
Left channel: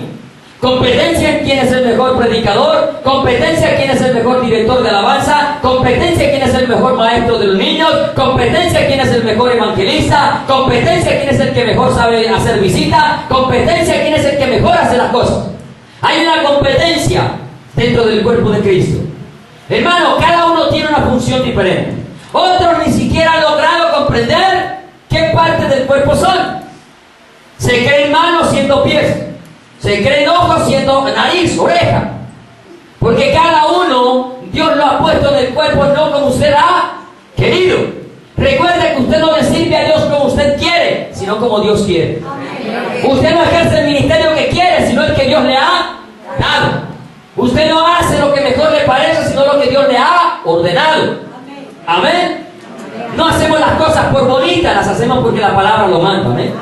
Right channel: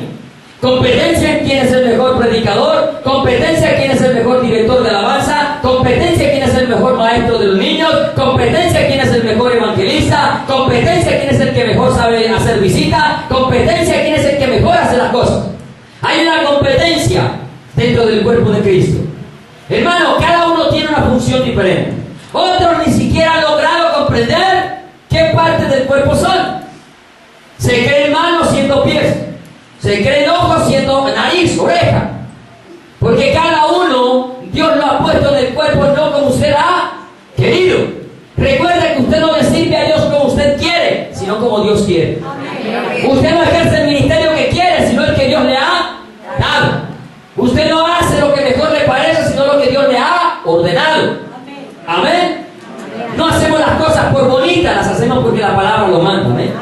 Competencia en quién es el mejor predicador, competencia en quién es el mejor director de alabanza, competencia en quién es el mejor maestro de los niños, competencia en quién es el mejor evangelista, competencia en quién es el que mejor sabe hacer visita, competencia en quién es el que mejor hace las cosas. Hay una competencia dentro del cuerpo de Cristo. Hermano, cada uno tiene una función diferente. Otros ni siquiera han logrado comprender qué partes del cuerpo son. Se creen manos siendo pies. Se creen ojos siendo nariz, oreja. Porque cada uno, Dios lo ha puesto en el cuerpo no como usted ha querido. Recuerde que usted no le sirve a Dios como usted quiere, sino como Dios quiere. Usted no ejerce el ministerio que quiere, sino el que Dios le ha dado. Usted no hace lo que mejor le parece, sino lo que Dios le ha ordenado. Amén. No hacemos las cosas por bonitas, las hacemos porque la palabra lo manda. Amén.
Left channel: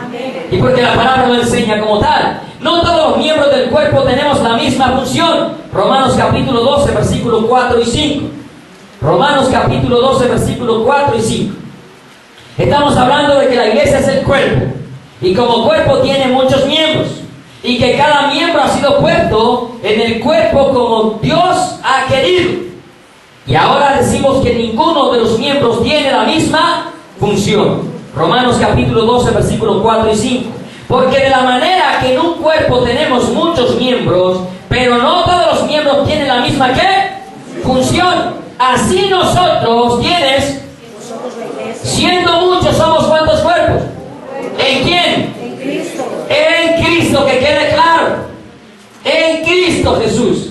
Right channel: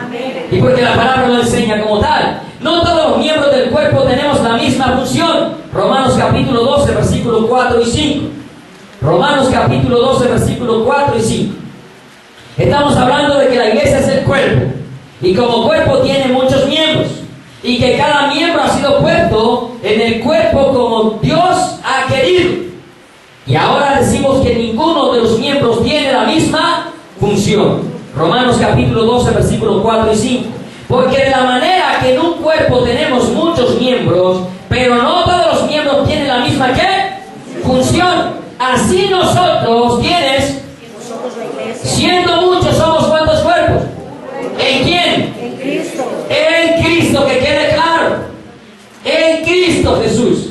Y porque la palabra lo enseña como tal. No todos los miembros del cuerpo tenemos la misma función. Romanos capítulo 12, versículos 4 y 5. Romanos capítulo 12, versículos 4 y 5. Estamos hablando de que la iglesia es el cuerpo. Y como cuerpo tiene muchos miembros. y que cada miembro ha sido puesto en el cuerpo como Dios ha querido. Y ahora decimos que ninguno de los miembros tiene la misma función. Romanos capítulo 12, versículos 4 y 5. Porque de la manera que en un cuerpo tenemos muchos miembros, pero no todos los miembros tienen la misma ¿qué? Función. Así nosotros, ¿quiénes? Siendo muchos, somos ¿cuántos cuerpos? ¿En quién? En Cristo. En Cristo, que quede claro. En Cristo Jesús.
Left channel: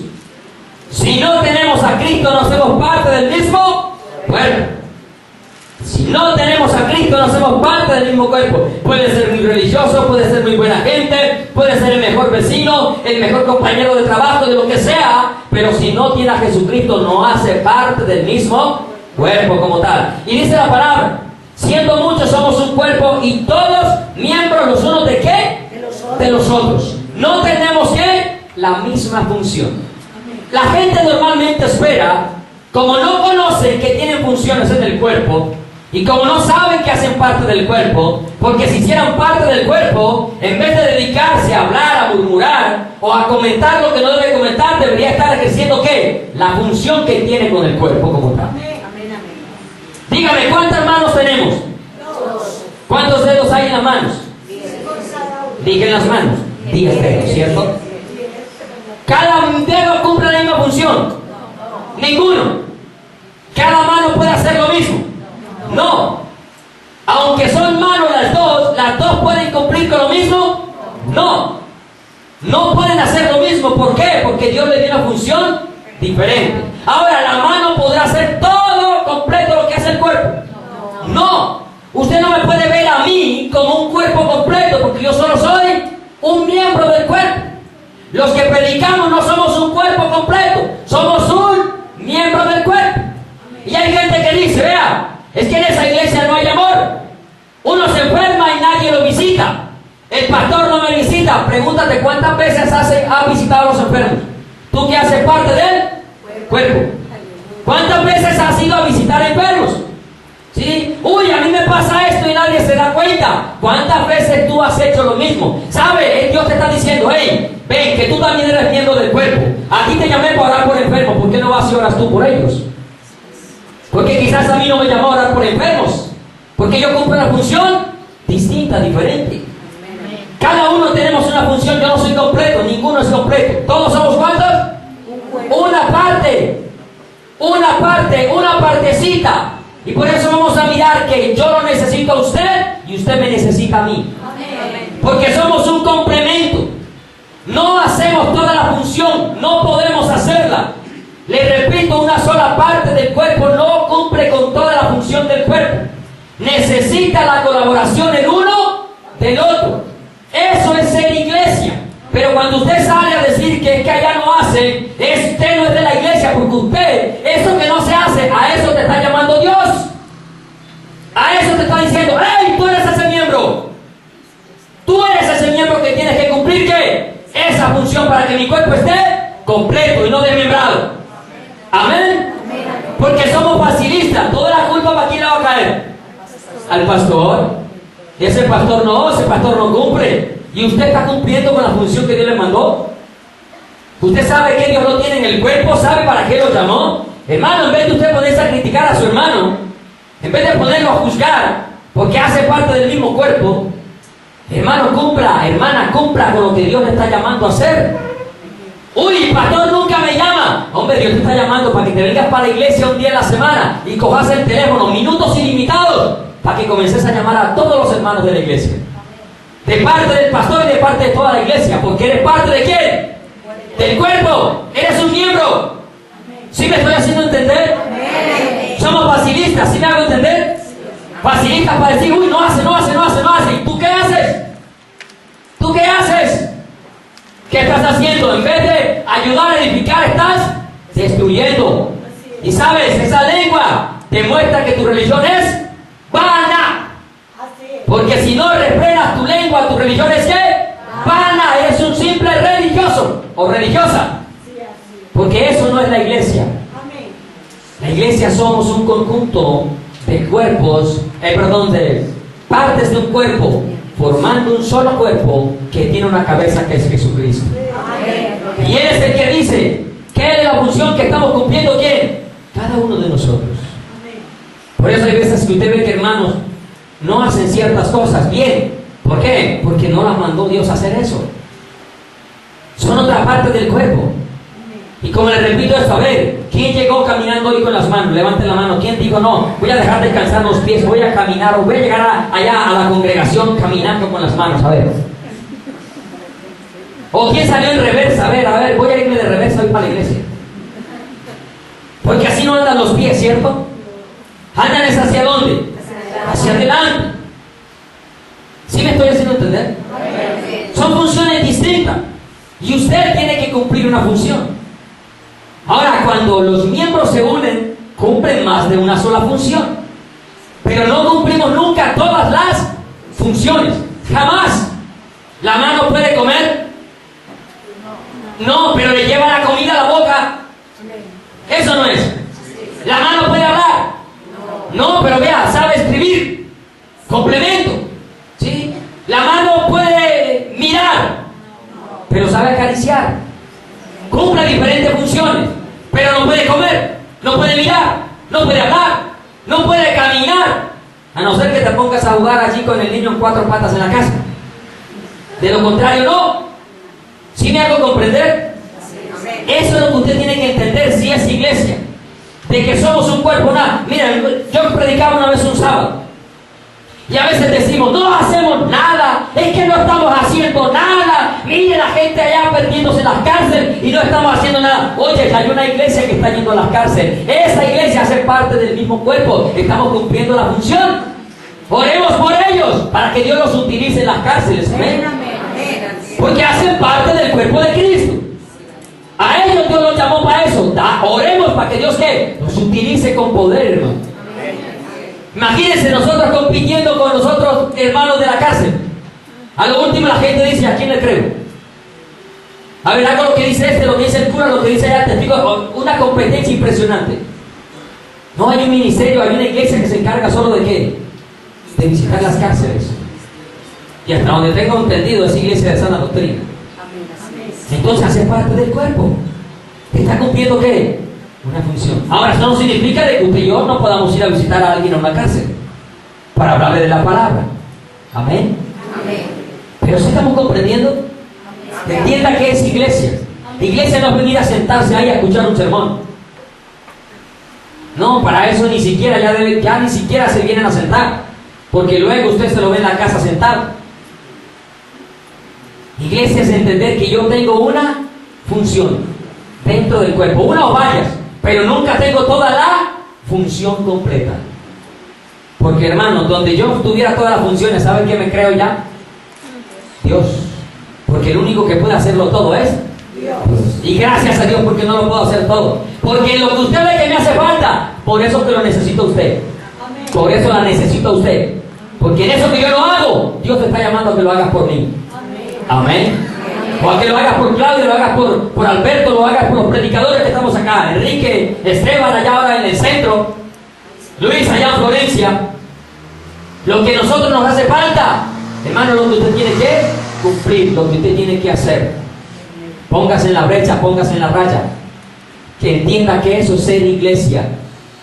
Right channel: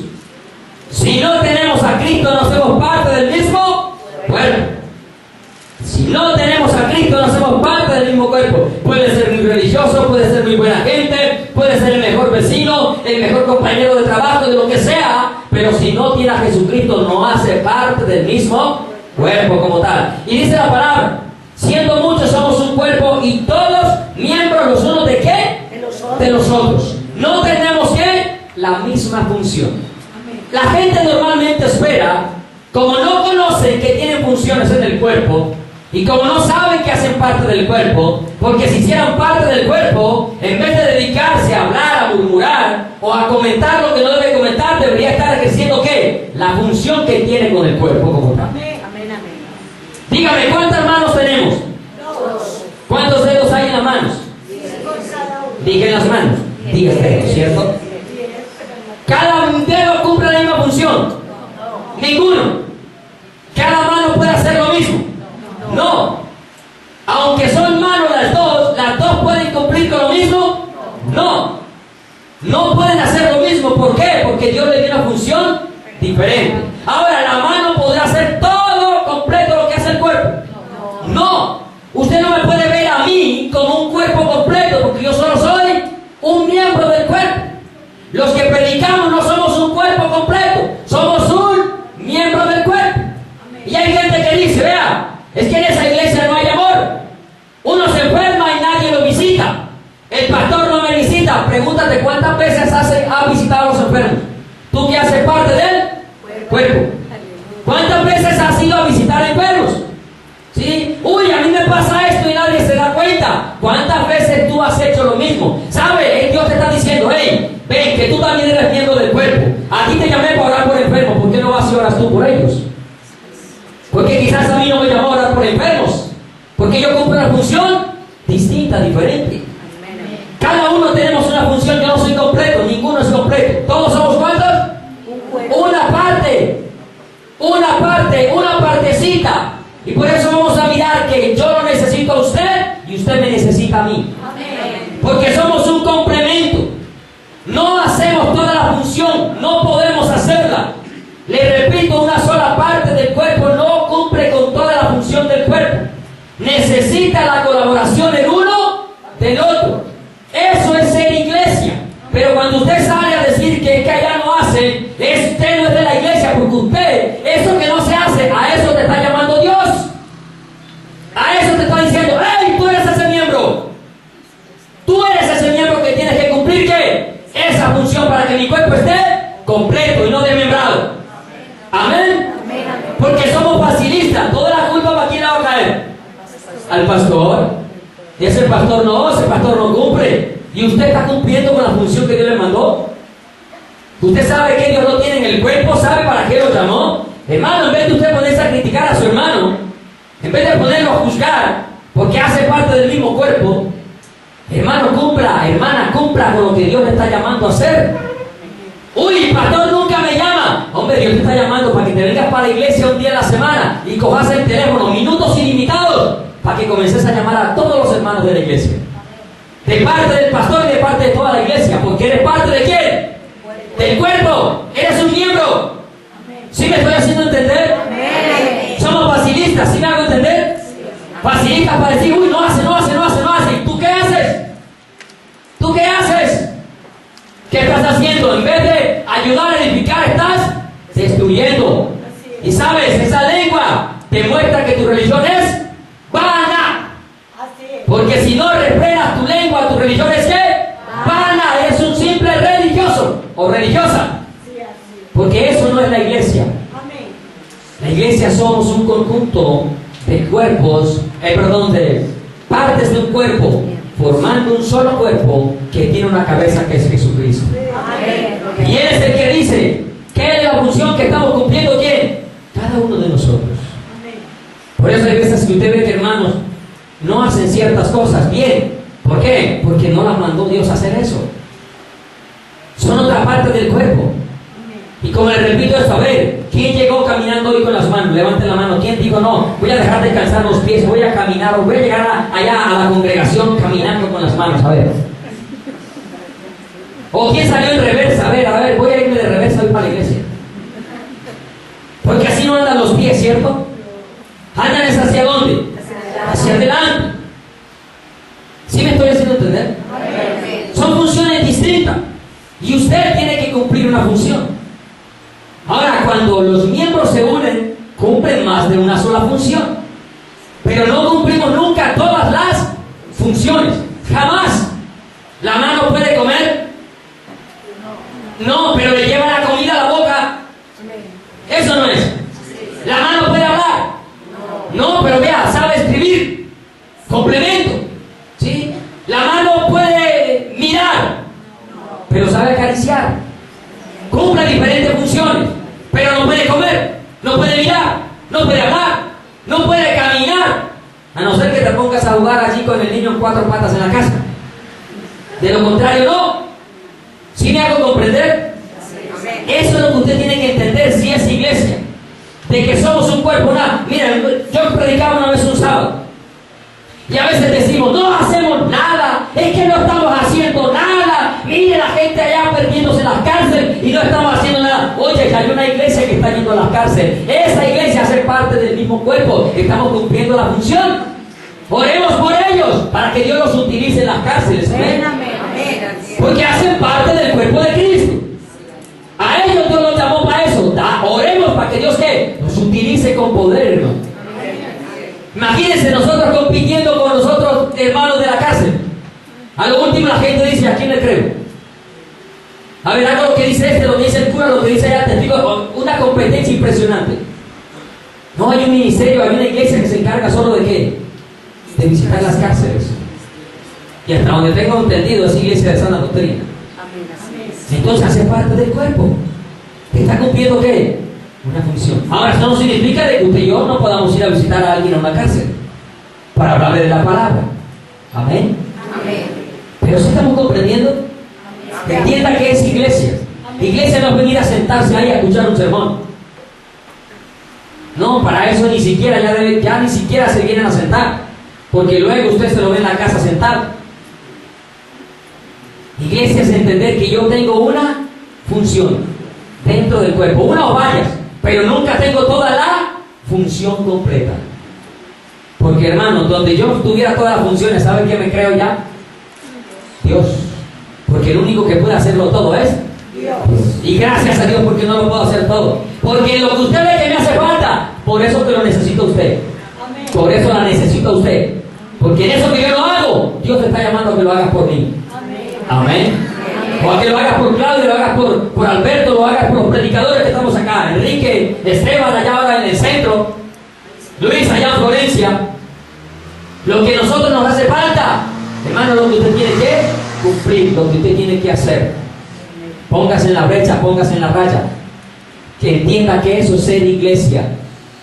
Si no tenemos a Cristo, no hacemos parte del mismo cuerpo. Si no tenemos a Cristo, no hacemos parte del mismo cuerpo. Puede ser muy religioso, puede ser muy buena gente, puede ser el mejor vecino, el mejor compañero de trabajo, de lo que sea, pero si no tiene a Jesucristo, no hace parte del mismo cuerpo como tal. Y dice la palabra, siendo muchos somos un cuerpo y todos miembros los unos de ¿qué? De los otros. No tenemos ¿qué? La misma función. La gente normalmente espera, como no conocen que tienen funciones en el cuerpo, y como no saben que hacen parte del cuerpo, porque si hicieran parte del cuerpo, en vez de dedicarse a hablar, a murmurar, o a comentar lo que no debe comentar, debería estar ejerciendo ¿qué? La función que tiene con el cuerpo como tal. Dígame, ¿cuántas manos tenemos? ¿Cuántos dedos hay en las manos? Dije en las manos. 10 dedos, ¿cierto? ¿Cada dedo cumple la misma función? Ninguno. ¿Cada mano puede hacer lo mismo? No. Aunque son manos las dos pueden cumplir con lo mismo. No. No pueden hacer lo mismo. ¿Por qué? Porque Dios le dio una función diferente. Ahora, la mano podrá hacer todo completo lo que hace el cuerpo. No. Usted no me puede ver a mí como un cuerpo completo, porque yo solo soy un miembro del cuerpo. Los que predicamos no somos un cuerpo completo, somos un miembro del cuerpo. Y hay gente que dice, vea, es que en esa iglesia no hay amor. Uno se enferma y nadie lo visita. El pastor no me visita. Pregúntate cuántas veces ha visitado a los enfermos. Tú que haces parte del cuerpo. ¿Cuántas veces has ido a visitar enfermos? ¿Sí? Uy, a mí me pasa esto y nadie se da cuenta. ¿Cuántas veces tú has hecho lo mismo? ¿Sabes? Dios te está diciendo, hey, ven, que tú también eres miembro del cuerpo. A ti te llamé para orar por enfermos. ¿Por qué no vas y oras tú por ellos? Porque quizás a mí no me llamó a orar por enfermos. Porque yo cumplo una función distinta, diferente. Cada uno tenemos una función. Yo no soy completo, ninguno es completo. ¿Todos somos cuántos? Una parte, una partecita. Y por eso vamos a mirar que yo lo necesito a usted y usted me necesita a mí. Porque somos un complemento. No hacemos toda la función, no podemos hacerla. Le repito, una sola parte del cuerpo no cumple con toda la función del cuerpo. Necesita la colaboración el uno del otro. Eso es ser iglesia. Pero cuando usted sale a decir que allá no hace, usted no es de la iglesia, porque usted, eso que no se hace, a eso te está llamando Dios. A eso te está diciendo, ¡hey! Tú eres ese miembro. Tú eres ese miembro que tienes que cumplir, ¿qué? Esa función para que mi cuerpo esté completo y no desmembrado. Amén. Porque somos facilistas. Toda la culpa para quién la va a caer. Al pastor. Ese pastor no cumple. Y usted está cumpliendo con la función que Dios le mandó. Usted sabe que Dios lo tiene en el cuerpo, sabe para qué lo llamó. Hermano, en vez de usted ponerse a criticar a su hermano, en vez de ponerlo a juzgar, porque hace parte del mismo cuerpo, hermano, cumpla, hermana, cumpla con lo que Dios le está llamando a hacer. Uy, pastor nunca me llama. Hombre, Dios te está llamando para que te vengas para la iglesia un día a la semana y cojas el teléfono, minutos ilimitados, para que comences a llamar a todos los hermanos de la iglesia. De parte del pastor y de parte de toda la iglesia. Porque eres parte de quién? Del cuerpo. Eres un miembro. ¿Sí me estoy haciendo entender? Somos facilistas. ¿Sí me hago entender? Facilistas para decir, uy, no hace. ¿Y tú qué haces? ¿Tú qué haces? ¿Qué estás haciendo? En vez de ayudar a edificar, estás destruyendo. Y sabes, esa lengua te muestra que tu religión es vana. Porque si no refrenas tu lengua, tu religión es ¿qué? Vana. Eres un simple religioso o religiosa. Porque eso no es la iglesia. La iglesia somos un conjunto de cuerpos, de partes de un cuerpo formando un solo cuerpo que tiene una cabeza que es Jesucristo. Y Él es el que dice ¿qué es la función que estamos cumpliendo? ¿Quién? Cada uno de nosotros. Por eso hay veces que usted ve que hermanos no hacen ciertas cosas bien. ¿Por qué? Porque no las mandó Dios a hacer eso. Son otra parte del cuerpo. Y como les repito esto, a ver, ¿quién llegó caminando hoy con las manos? Levante la mano. ¿Quién dijo, no, voy a dejar descansar los pies, voy a caminar, o voy a llegar allá a la congregación caminando con las manos? A ver. ¿O quién salió en reversa? A ver, voy a irme de reversa hoy para la iglesia. Porque así no andan los pies, ¿cierto? ¿Andan es hacia dónde? Hacia adelante. ¿Sí me estoy haciendo entender? Son funciones distintas. Y usted tiene que cumplir una función. Ahora, cuando los miembros se unen, cumplen más de una sola función. Pero no cumplimos nunca todas las funciones. Jamás. ¿La mano puede comer? No, pero le lleva la comida a la boca. Eso no es. ¿La mano puede hablar? No, pero vea, sabe escribir. Complemento. ¿Sí? La mano puede mirar, pero sabe acariciar. Cumple diferentes funciones, pero no puede comer, no puede mirar, no puede hablar, no puede caminar, a no ser que te pongas a jugar allí con el niño en cuatro patas en la casa. De lo contrario, no. ¿Sí me hago comprender? Eso es lo que usted tiene que entender si es iglesia, de que somos un cuerpo. Mira, yo predicaba una vez un sábado. Y a veces decimos, no hacemos nada, es que no estamos haciendo nada. Mire la gente allá perdiéndose en las cárceles y no estamos haciendo nada. Oye, ya hay una iglesia que está yendo a las cárceles. Esa iglesia hace parte del mismo cuerpo. Estamos cumpliendo la función. Oremos por ellos para que Dios los utilice en las cárceles. ¿Ven? Porque hacen parte del cuerpo de Cristo. A ellos Dios los llamó para eso. Oremos para que Dios ¿qué? Los utilice con poder, hermano. Imagínense nosotros compitiendo con los otros hermanos de la cárcel. A lo último la gente dice, ¿a quién le creo? A ver, hago lo que dice este, lo que dice el cura, lo que dice allá, testigo. Una competencia impresionante. No hay un ministerio, hay una iglesia que se encarga solo de ¿qué? De visitar las cárceles. Y hasta donde tengo entendido es iglesia de sana doctrina. Entonces hace parte del cuerpo. ¿Está cumpliendo qué? Una función. Ahora, eso no significa de que usted y yo no podamos ir a visitar a alguien a una cárcel para hablarle de la palabra. Amén. Amén. Pero si estamos comprendiendo, entienda que es iglesia. Iglesia no es venir a sentarse ahí a escuchar un sermón. No, para eso ni siquiera, ya ni siquiera se vienen a sentar, porque luego usted se lo ve en la casa sentado. Iglesia es entender que yo tengo una función dentro del cuerpo, una o varias, pero nunca tengo toda la función completa. Porque hermano, donde yo tuviera todas las funciones, ¿saben qué me creo ya? Dios. Porque el único que puede hacerlo todo es Dios. Y gracias a Dios porque no lo puedo hacer todo. Porque lo que usted ve que me hace falta, por eso que lo necesita usted. Por eso la necesita usted. Porque en eso que yo lo hago, Dios te está llamando a que lo hagas por mí. Amén. O a que lo hagas por Claudio, lo hagas por Alberto, lo hagas por los predicadores que estamos acá. Enrique, Esteban allá ahora en el centro, Luis allá en Florencia. Lo que a nosotros nos hace falta, hermano, lo que usted tiene que cumplir, lo que usted tiene que hacer. Póngase en la brecha, póngase en la raya. Que entienda que eso es ser iglesia.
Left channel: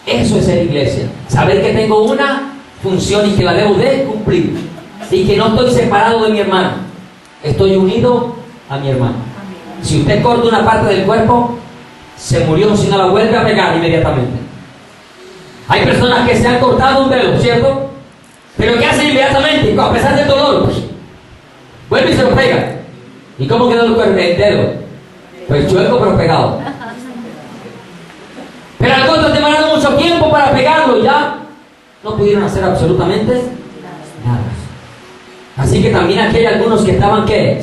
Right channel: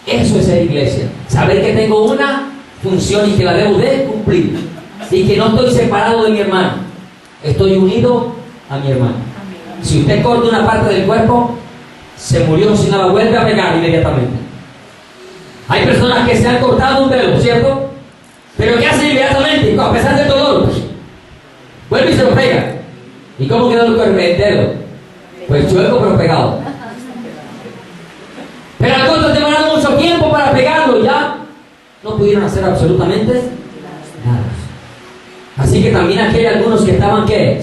Eso es ser iglesia. Saber que tengo una función y que la debo de cumplir. Y que no estoy separado de mi hermano. Estoy unido a mi hermano. Si usted corta una parte del cuerpo, se murió, si no la vuelve a pegar inmediatamente. Hay personas que se han cortado un dedo, ¿cierto? Pero ¿qué hacen inmediatamente? A pesar del dolor, pues, vuelve y se lo pega. ¿Y cómo quedó el dedo? Pues chueco pero pegado. Pero algunos demoraron mucho tiempo para pegarlo y ya no pudieron hacer absolutamente nada. Así que también aquí hay algunos que estaban ¿qué?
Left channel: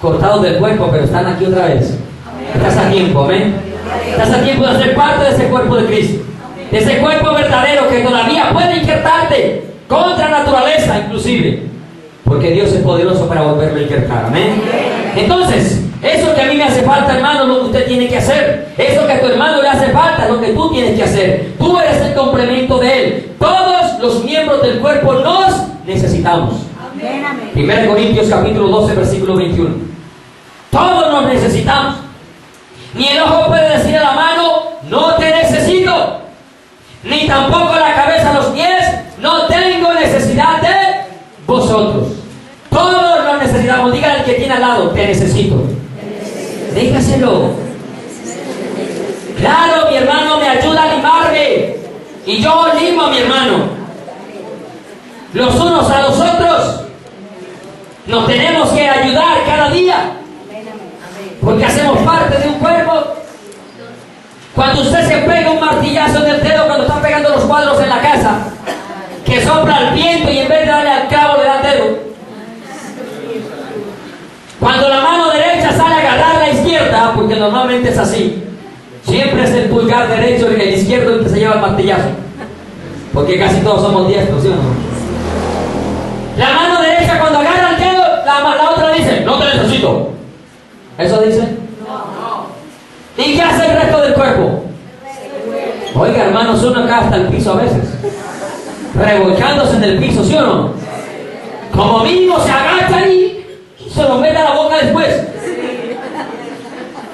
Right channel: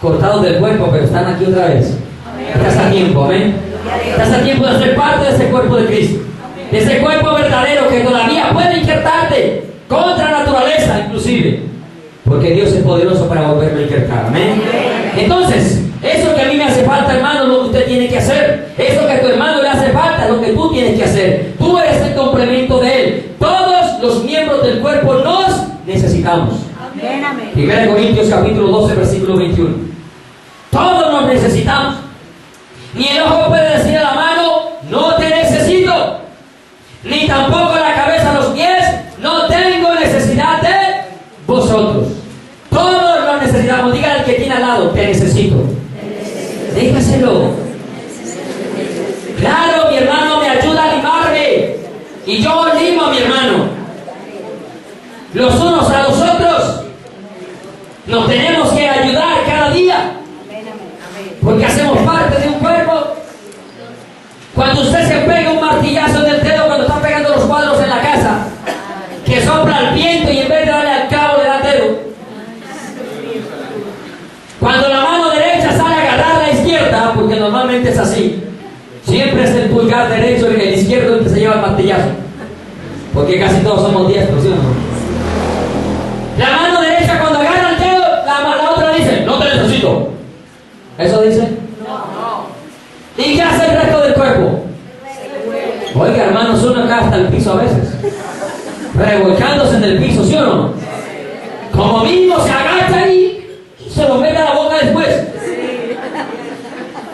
Cortados del cuerpo, pero están aquí otra vez. Estás a tiempo, amén. Estás a tiempo de ser parte de ese cuerpo de Cristo. De ese cuerpo verdadero que todavía puede injertarte contra naturaleza inclusive. Porque Dios es poderoso para volverme a injertar, amén. Entonces, eso que a mí me hace falta, hermano, es lo que usted tiene que hacer. Eso que a tu hermano le hace falta es lo que tú tienes que hacer. Tú eres el complemento de él. Todos los miembros del cuerpo nos necesitamos. 1 Corintios capítulo 12, versículo 21. Todos nos necesitamos. Ni el ojo puede decir a la mano, no te necesito. Ni tampoco la cabeza a los pies, no tengo necesidad de vosotros. Todos nos necesitamos. Diga al que tiene al lado, te necesito. Dígaselo. Claro, mi hermano me ayuda a animarme. Y yo animo a mi hermano. Los unos a los otros. Nos tenemos que ayudar cada día. Porque hacemos parte de un cuerpo. Cuando usted se pega un martillazo en el dedo cuando está pegando los cuadros en la casa, que sopla el viento y en vez de darle al clavo le da el dedo. Cuando la mano derecha sale a agarrar la izquierda, porque normalmente es así, siempre es el pulgar derecho y el izquierdo el que se lleva el martillazo. Porque casi todos somos diestros, ¿sí o no? La mano derecha cuando agarra el dedo, la otra dice, no te necesito. ¿Eso dice? No. ¿Y qué hace el resto del cuerpo? Oiga, hermanos, uno acá hasta el piso a veces. Revolcándose en el piso, ¿sí o no? Como mínimo se agacha y se lo mete a la boca después.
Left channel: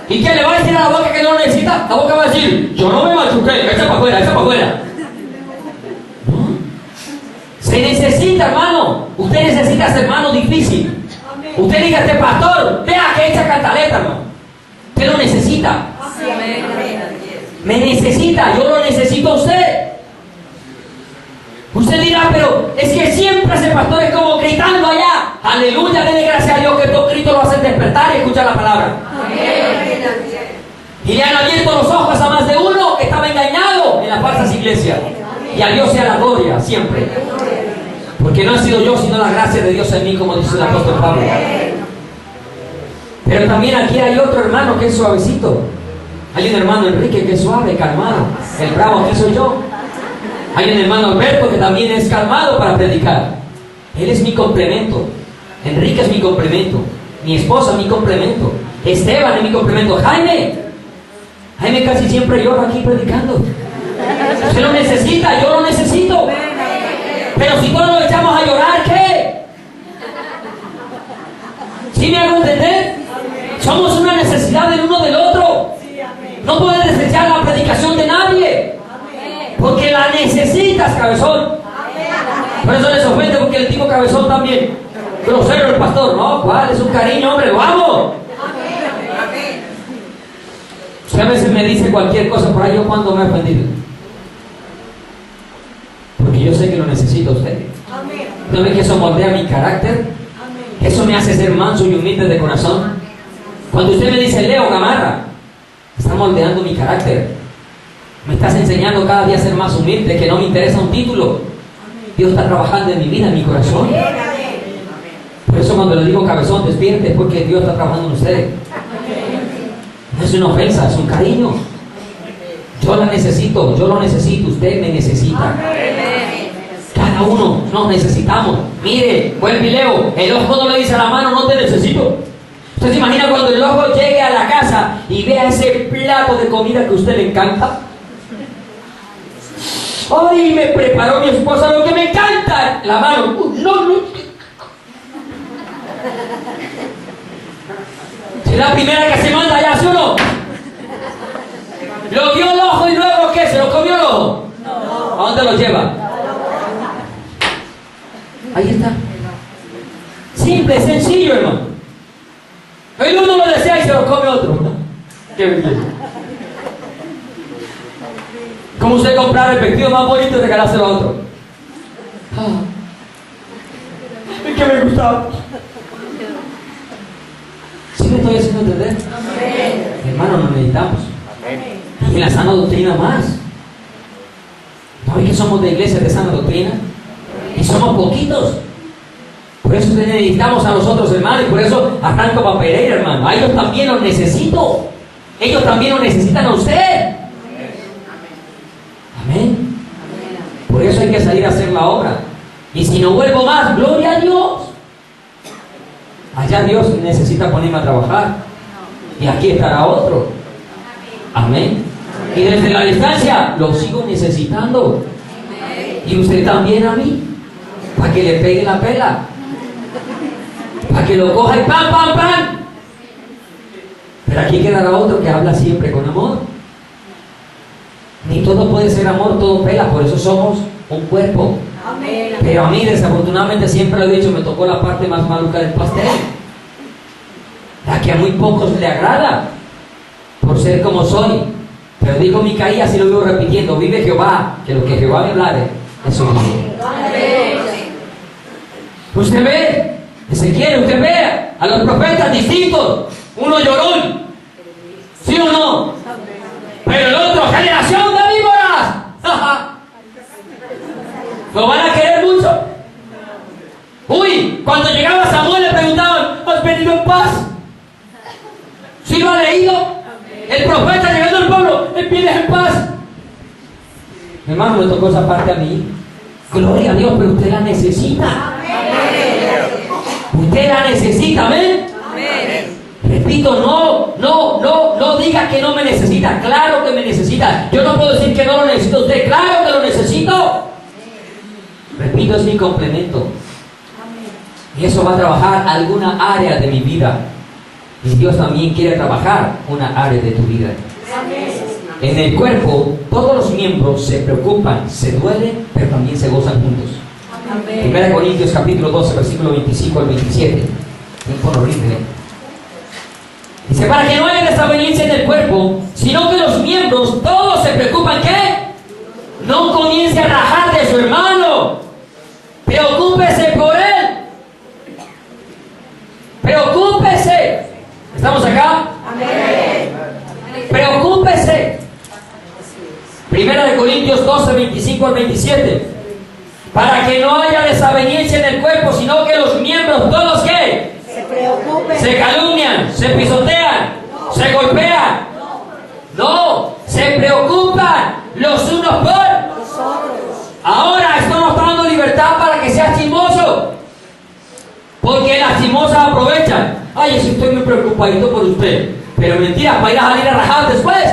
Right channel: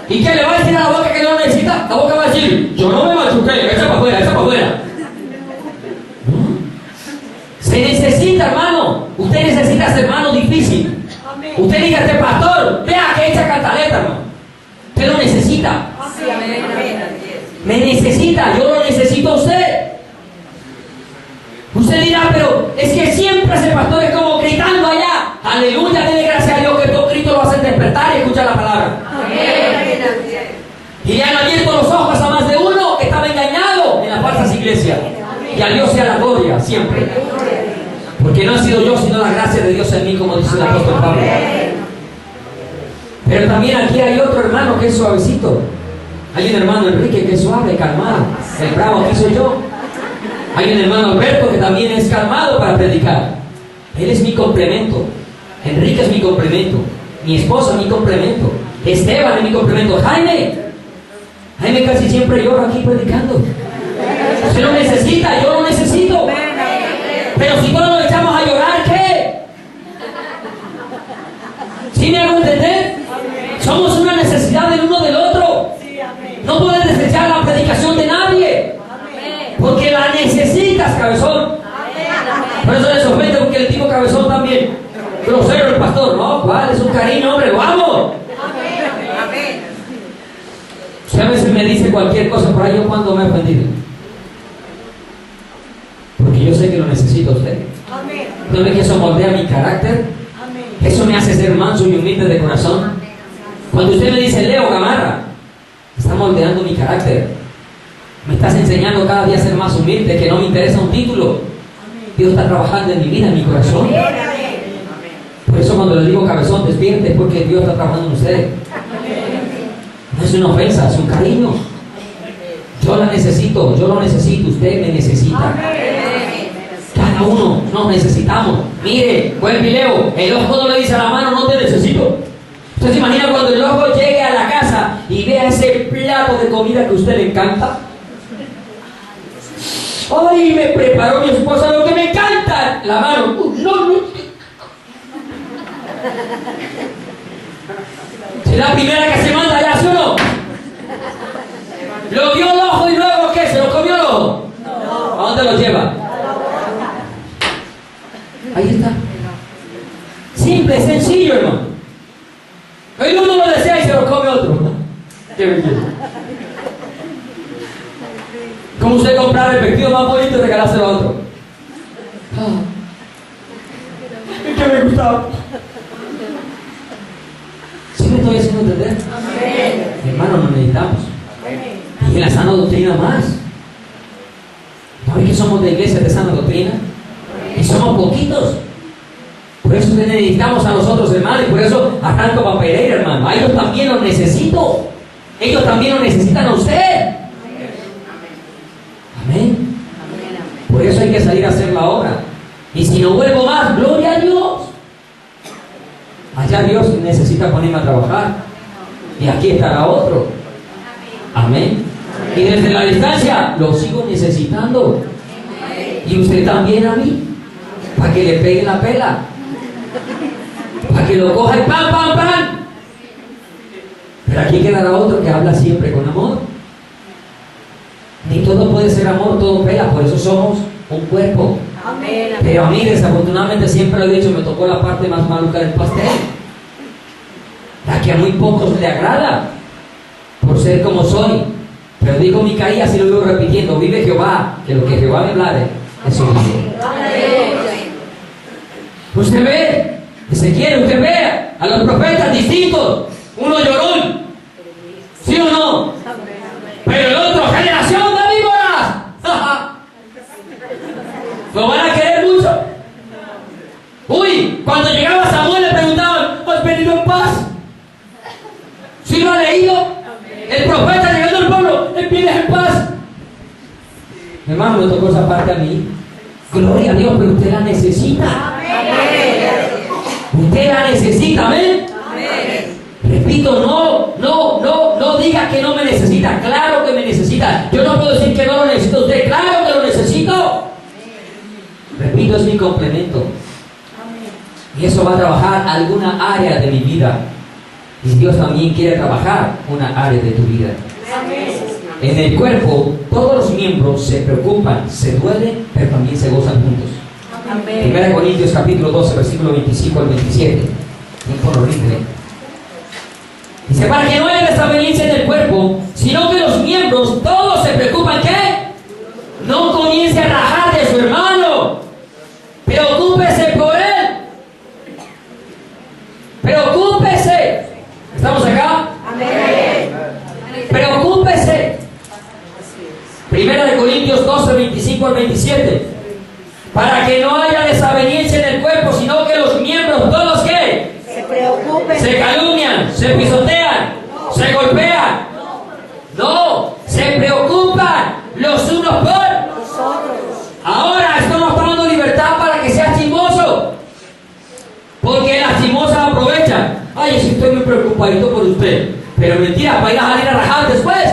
¿Y qué le va a decir a la boca que no necesita? La boca va a decir, yo no me machuqué, echa para afuera, echa para afuera. Se necesita, hermano. Usted necesita ser hermano difícil. Usted diga a este pastor, vea que echa cantaleta, hermano. Usted lo necesita. Me necesita, yo lo necesito a usted. Usted dirá, pero es que siempre ese pastor es como gritando allá. Aleluya, dele gracias a Dios que estos gritos lo hacen despertar y escuchar la palabra. Y le han abierto los ojos a más de uno que estaba engañado en las falsas iglesias. Y a Dios sea la gloria siempre. Porque no ha sido yo, sino la gracia de Dios en mí, como dice el apóstol Pablo. Pero también aquí hay otro hermano que es suavecito. Hay un hermano Enrique que es suave, calmado. El bravo que soy yo. Hay un hermano Alberto que también es calmado para predicar. Él es mi complemento. Enrique es mi complemento. Mi esposa es mi complemento. Esteban es mi complemento. Jaime casi siempre llora aquí predicando. Usted lo necesita, yo lo necesito. Pero si todos nos echamos a llorar, ¿qué? ¿Sí me hago entender? Somos una necesidad del uno del otro. No puedes desechar la predicación de nadie. Porque la necesitas, cabezón. Por eso les ofende, porque el tipo cabezón también. Grosero el pastor. No, ¿cuál? Es un cariño, hombre, lo amo. Usted a veces me dice cualquier cosa por ahí, yo cuando me he ofendido. Porque yo sé que lo necesito a usted. ¿No ve que eso moldea mi carácter? Eso me hace ser manso y humilde de corazón. Cuando usted me dice, Leo Gamarra, está moldeando mi carácter. Me estás enseñando cada día a ser más humilde, que no me interesa un título. Dios está trabajando en mi vida, en mi corazón. Por eso cuando le digo cabezón, despierte, es porque Dios está trabajando en usted. No es una ofensa, es un cariño. Yo la necesito, yo lo necesito, usted me necesita. Cada uno nos necesitamos. Mire, buen pileo, el ojo no le dice a la mano, no te necesito. ¿Usted se imagina cuando el ojo llegue a la casa y vea ese plato de comida que a usted le encanta? ¡Ay, me preparó mi esposa lo que me encanta! La mano, no. Es la primera que se manda allá, ¿sí o no? ¿Lo vio el ojo y luego qué? ¿Se lo comió el ojo? No. ¿A dónde lo lleva? Ahí está. Simple, sencillo, hermano. El uno lo desea y se lo come otro. Qué belleza. Como usted comprar el vestido más bonito y regalárselo a otro. Es que me gustaba. ¿Sí me estoy haciendo entender? Hermano, nos necesitamos. Y en la sana doctrina más. ¿No ven que somos de iglesia de sana doctrina? Y somos poquitos. Por eso necesitamos a nosotros, hermano, y por eso arranco para Pereira, hermano. A ellos también los necesito. Ellos también lo necesitan a usted. Amén. Por eso hay que salir a hacer la obra. Y si no vuelvo más, gloria a Dios. Allá Dios necesita ponerme a trabajar. Y aquí estará otro. Amén. Y desde la distancia lo sigo necesitando. Y usted también a mí. Para que le pegue la pela. para que lo coja y ¡pam, pam, pam! Pero aquí quedará otro que habla siempre con amor. Ni todo puede ser amor, todo pela, por eso somos un cuerpo. Amén. Pero a mí, desafortunadamente, siempre lo he dicho, me tocó la parte más maluca del pastel. La que a muy pocos le agrada, por ser como soy. Pero digo Micaías y lo vivo repitiendo: vive Jehová, que lo que Jehová me hablare, eso vive. Usted ve, Ezequiel, usted ve a los profetas distintos. Uno llorón, ¿sí o no? Pero el otro, generación de víboras. ¿Lo van a querer mucho? Uy, cuando llegaba Samuel le preguntaban: ¿has venido en paz? ¿Sí lo ha leído? El profeta llegando al pueblo: ¿él viene en paz? Mi hermano, me tocó esa parte a mí. Gloria a Dios, pero usted la necesita. Usted la necesita, ¿amén? Repito, no diga que no me necesita. Claro que me necesita. Yo no puedo decir que no lo necesito. Usted, claro que lo necesito. Repito, es mi complemento. Y eso va a trabajar alguna área de mi vida. Y Dios también quiere trabajar una área de tu vida. En el cuerpo, todos los miembros se preocupan, se duelen, pero también se gozan juntos. 1 Corintios capítulo 12, versículo 25 al 27. Tiempo horrible. Dice: para que no haya desaveniencia en el cuerpo, sino que los miembros todos se preocupan. ¿Qué? No comience a rajar de su hermano. Preocúpese por él. Preocúpese. ¿Estamos acá? Amén. Preocúpese. 1 Corintios 12, 25 al 27. Para que no haya desaveniencia en el cuerpo, sino que los miembros todos, ¿qué? Se preocupen. Se calumnian, se pisotean, se golpean. No, se preocupan los unos por Nosotros. ahora. Esto nos está dando libertad para que seas chismoso, porque las chismosas aprovechan. Ay, si estoy muy preocupadito por usted, pero mentira, para ir a salir a rajar después.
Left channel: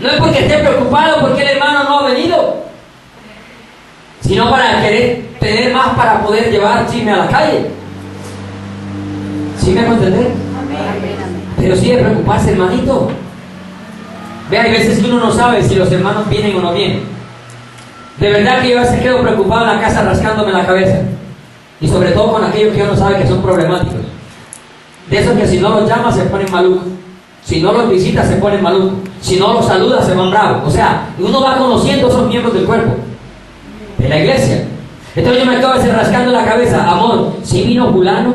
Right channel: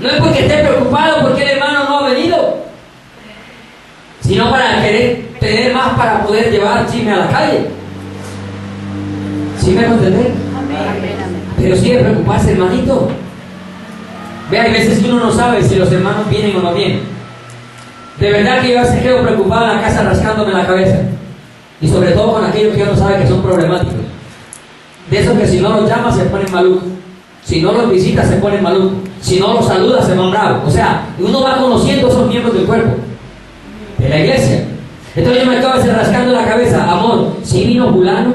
No es porque esté preocupado porque el hermano no ha venido, sino para querer tener más para poder llevar chisme a la calle. ¿Sí me hago entender? Pero sí de preocuparse, hermanito. Ve, hay veces que uno no sabe si los hermanos vienen o no vienen. De verdad que yo a veces quedo preocupado en la casa rascándome la cabeza. Y sobre todo con aquellos que uno sabe que son problemáticos. De esos que si no los llama se ponen malucos. Si no los visita se ponen malucos. Si no los saluda se van bravos. O sea, uno va conociendo esos miembros del cuerpo de la iglesia. Entonces yo me acabo de hacer rascando la cabeza: amor, ¿sí vino fulano?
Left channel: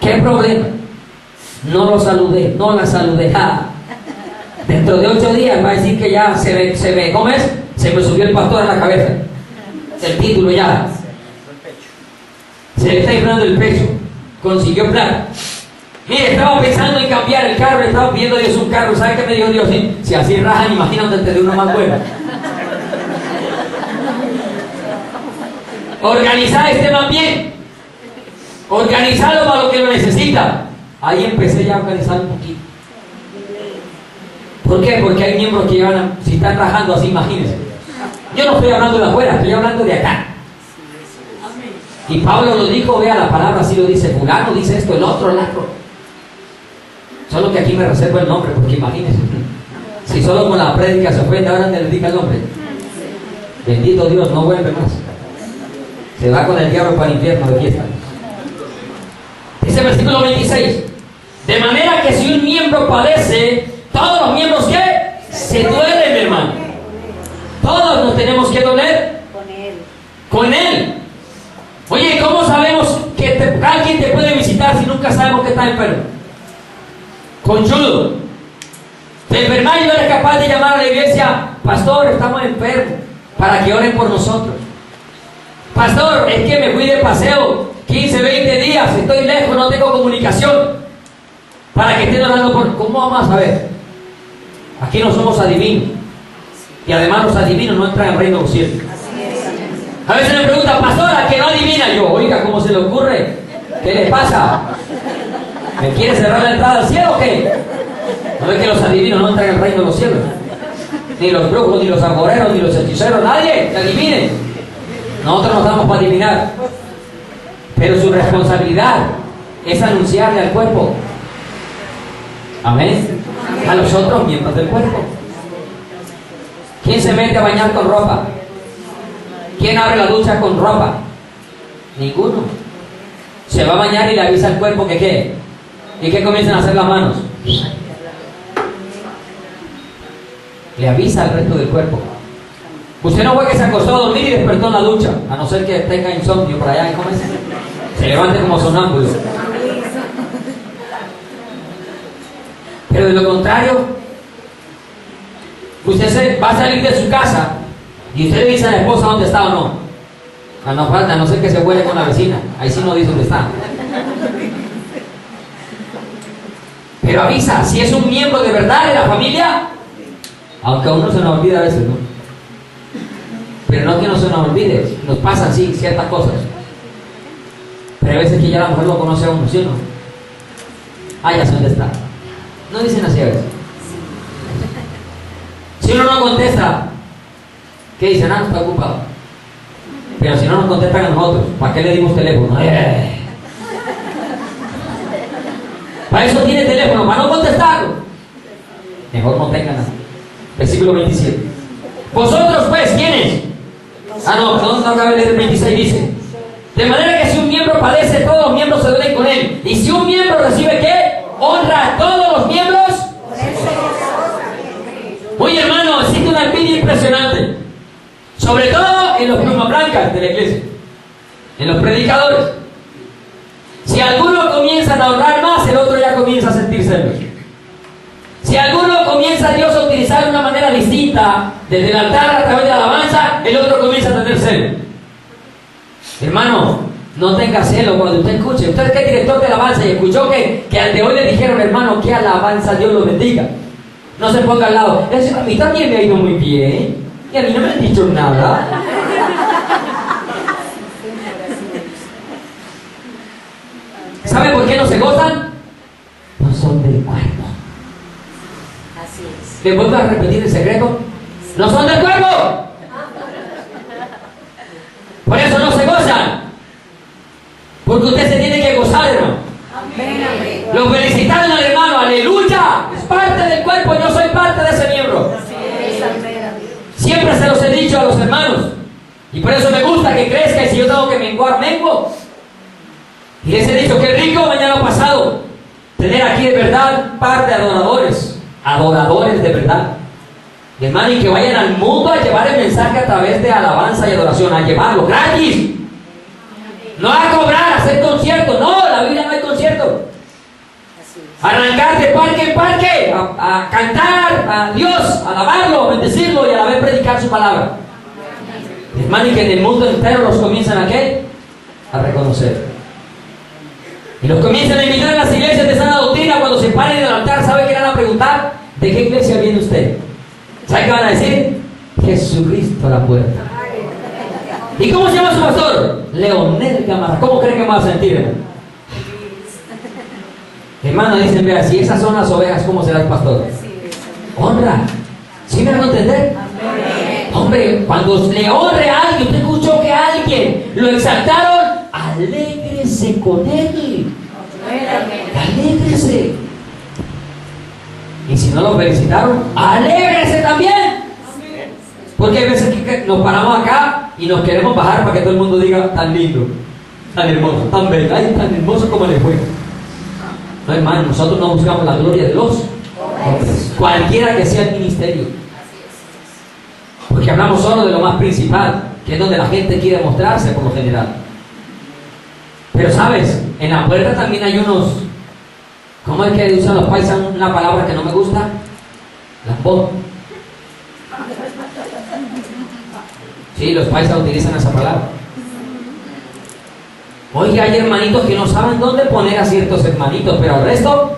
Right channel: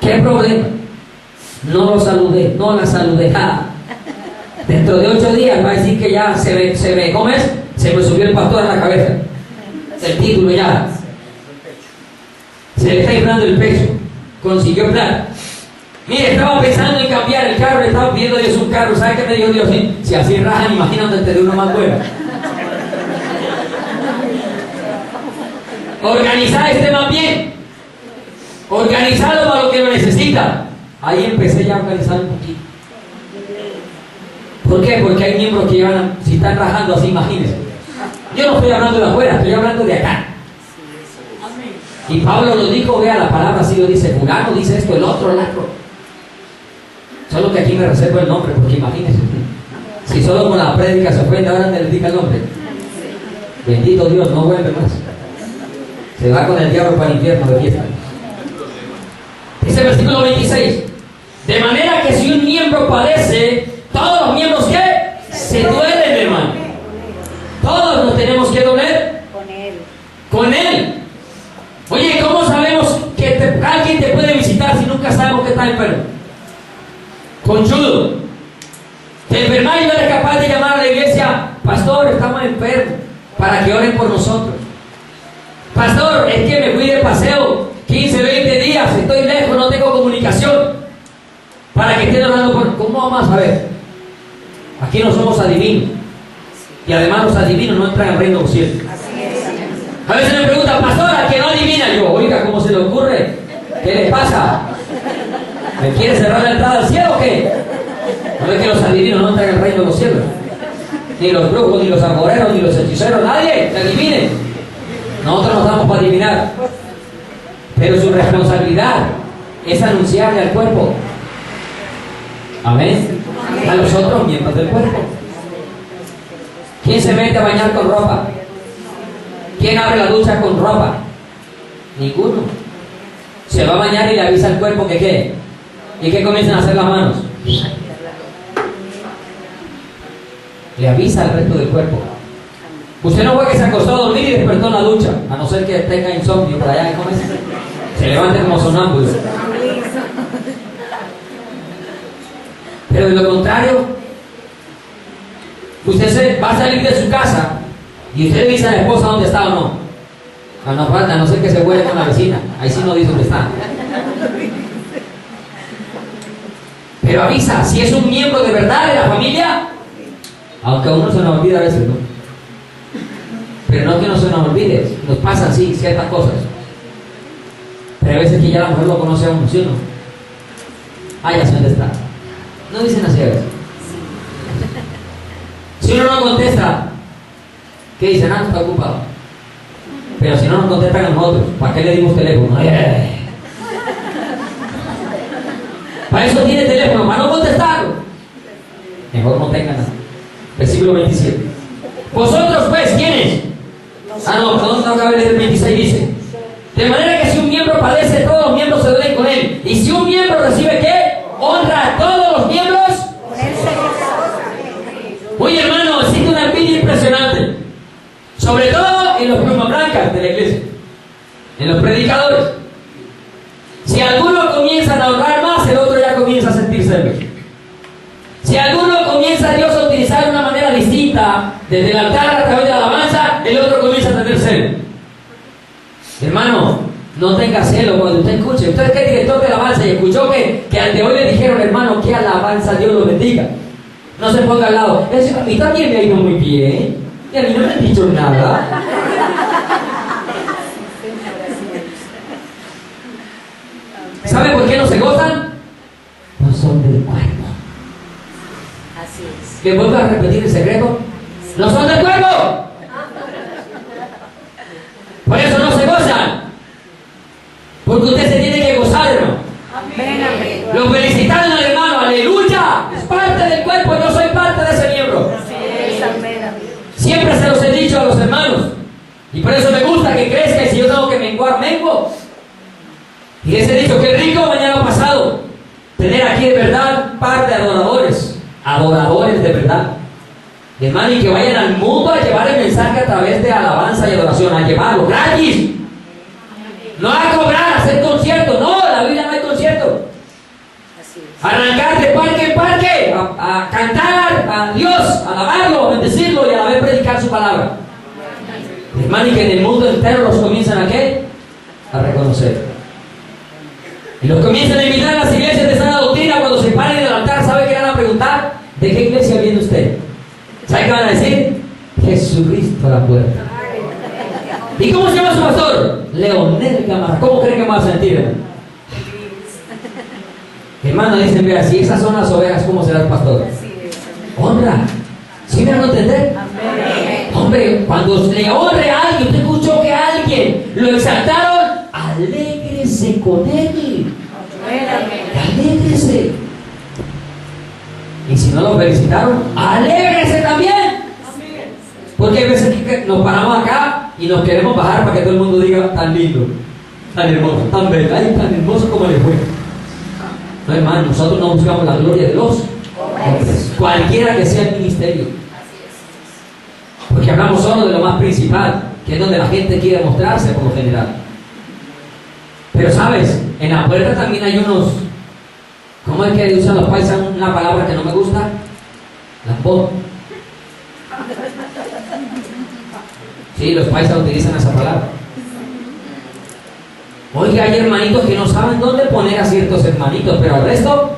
¿Qué problema? No lo saludé, no la saludé. Dentro de 8 días va a decir que ya se ve, ¿cómo es? Se me subió el pastor a la cabeza. El título ya. Se le está inflando el pecho. Consiguió plata. Mire, estaba pensando en cambiar el carro, estaba pidiendo a Dios un carro. ¿Sabe qué me dijo Dios? ¿Sí? Si así rajan, imagínate de uno más bueno. Organizar este más bien. Organizarlo para lo que lo necesita. Ahí empecé ya a organizar un poquito. ¿Por qué? Porque hay miembros que llevan, si están rajando así, imagínense. Yo no estoy hablando de afuera, estoy hablando de acá. Y Pablo lo dijo, vea la palabra, así lo dice: fulano dice esto, el otro. Solo que aquí me reservo el nombre, porque imagínense, si solo con la prédica se ofende, ahora le dedica el nombre. Bendito Dios, no vuelve más. Se va con el diablo para el infierno de fiesta. Dice el versículo 26: de manera que si un miembro padece, todos los miembros, ¿qué? Se duelen, hermano. Todos nos tenemos que doler con él. Oye, ¿cómo sabemos que alguien te puede visitar si nunca sabemos que está enfermo? Conchudo. Te enfermas y no eres capaz de llamar a la iglesia: pastor, estamos enfermos, para que oren por nosotros. Pastor, es que me fui de paseo 15, 20 días, estoy lejos, no tengo comunicación, para que estén orando por... ¿Cómo vamos a saber? Aquí no somos adivinos. Y además los adivinos no entran al reino de los cielos. A veces me preguntan: pastor, ¿a que no adivina? Yo, oiga, ¿cómo se le ocurre? ¿Qué le pasa? ¿Me quiere cerrar la entrada al cielo o qué? ¿No es que los adivinos no entran al reino de los cielos? Ni los brujos, ni los agoreros, ni los hechiceros, nadie que adivine. Nosotros nos damos para adivinar. Pero su responsabilidad es anunciarle al cuerpo. Amén. A los otros miembros del cuerpo. ¿Quién se mete a bañar con ropa? ¿Quién abre la ducha con ropa? Ninguno. Se va a bañar y le avisa al cuerpo que qué. ¿Y qué comienzan a hacer las manos? Le avisa al resto del cuerpo. Usted no fue que se acostó a dormir y despertó en la ducha, a no ser que tenga insomnio por allá y se levante como sonámbulo. Pero de lo contrario, usted va a salir de su casa y usted le dice a la esposa dónde está o no. No falta, a no ser que se huele con la vecina. Ahí sí no dice dónde está. Pero avisa, si es un miembro de verdad de la familia, aunque a uno se nos olvida a veces, ¿no? Pero no que no se nos olvide, nos pasan sí ciertas cosas. Pero hay veces que ya la mujer lo conoce a uno, ¿sí o no? Ya sé dónde está. No dicen así a veces. Si uno no contesta, ¿qué dicen? Está ocupado. Pero si no nos contestan a nosotros, ¿para qué le dimos teléfono? Para eso tiene teléfono, para no contestarlo. Mejor no tengan nada. Versículo 27. Vosotros pues, ¿quiénes? No cabe leer el 26, dice. De manera que si un miembro padece, todos los miembros se duelen con él. Y si un miembro recibe ¿qué? Honra a todos los miembros. Oye, hermano, existe una envidia impresionante. Sobre todo en los plumas blancas de la iglesia. En los predicadores. Si algunos comienzan a honrar más, el otro ya comienza a sentir celos. Si alguno comienza a Dios a utilizar de una manera distinta, desde el altar a través de la alabanza, el otro comienza a tener celo. Hermano, no tenga celo cuando usted escuche. Usted que es director de alabanza y escuchó que al de hoy le dijeron, hermano, que alabanza, Dios lo bendiga. No se ponga al lado. A mí también me ha ido muy bien. Y a mí no me han dicho nada. ¿Sabe por qué no se gozan? No son del cuerpo. ¿Le vuelvo a repetir el secreto? ¡No son del cuerpo! Por eso no se gozan. Porque usted se tiene que gozar, hermano. Lo felicitaron al hermano, aleluya. Es parte del cuerpo, yo soy parte de ese miembro. Siempre se los he dicho a los hermanos. Y por eso me gusta que crezca y si yo tengo que menguar, mengo. Y les he dicho que rico mañana pasado tener aquí de verdad par de adoradores de verdad, hermano, y que vayan al mundo a llevar el mensaje a través de alabanza y adoración, a llevarlo gratis, no a cobrar, a hacer conciertos. No, la Biblia no hay concierto. Arrancar de parque en parque a cantar a Dios, a alabarlo, a bendecirlo y a la vez predicar su palabra, hermano, y que en el mundo entero los comienzan a reconocer. Y los comienzan a invitar a las iglesias de sana doctrina. Cuando se paren en el altar, ¿sabe qué van a preguntar? ¿De qué iglesia viene usted? ¿Sabe qué van a decir? Jesucristo a la puerta. ¿Y cómo se llama su pastor? Leonel Gamarra. ¿Cómo creen que me va a sentir, hermano? Hermano, dicen, vea, si esas son las ovejas, ¿cómo será el pastor? Honra. ¿Sí me van a entender? Hombre, cuando le honre a alguien, usted escuchó que a alguien lo exaltaron, alégrese con él. Alégrese. Y si no lo felicitaron, alégrese también. Porque hay veces que nos paramos acá y nos queremos bajar para que todo el mundo diga tan lindo, tan hermoso, tan bello, ay, tan hermoso como le fue. No, hermano, nosotros no buscamos la gloria de los hombres, cualquiera que sea el ministerio. Porque hablamos solo de lo más principal, que es donde la gente quiere mostrarse por lo general. Pero sabes, en la puerta también hay unos, ¿cómo es que usan los paisas una palabra que no me gusta? Lambón. Sí, los paisas utilizan esa palabra. Oye, hay hermanitos que no saben dónde poner a ciertos hermanitos, pero al resto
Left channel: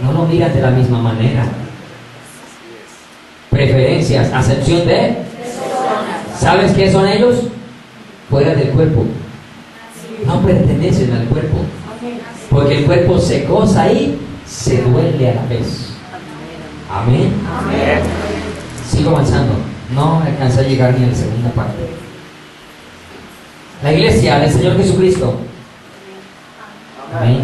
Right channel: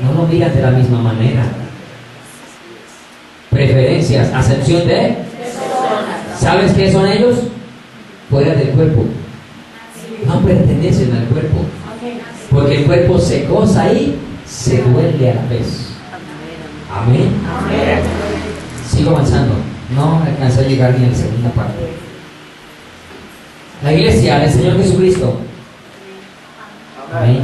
no lo miran de la misma manera. Preferencias, acepción de. ¿Sabes qué son ellos? Fuera del cuerpo. No pertenecen al cuerpo. Porque el cuerpo se goza y se duele a la vez. Amén. Sigo avanzando. No alcancé a llegar ni a la segunda parte. La iglesia del Señor Jesucristo. Amén.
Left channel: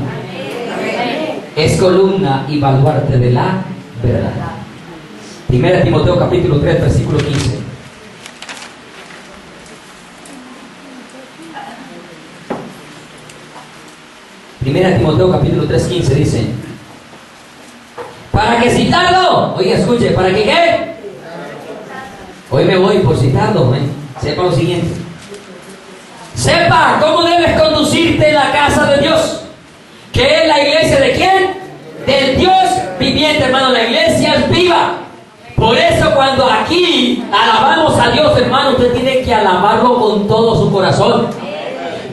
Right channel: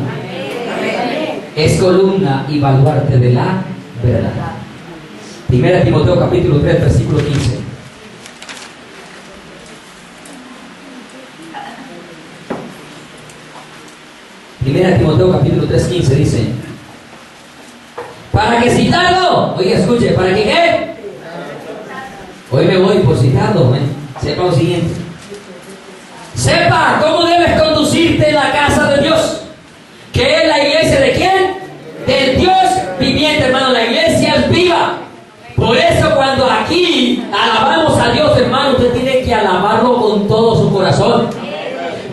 Es columna y baluarte de la verdad. 1 Timoteo capítulo 3, versículo 15. Primera Timoteo capítulo 3, 15 dice: para que citado, oiga, escuche, para que qué. Hoy me voy por citado, sepa lo siguiente. Sepa cómo debes conducirte en la casa de Dios, que es la iglesia de quién, del Dios viviente, hermano. La iglesia es viva. Por eso cuando aquí alabamos a Dios, hermano, usted tiene que alabarlo con todo su corazón.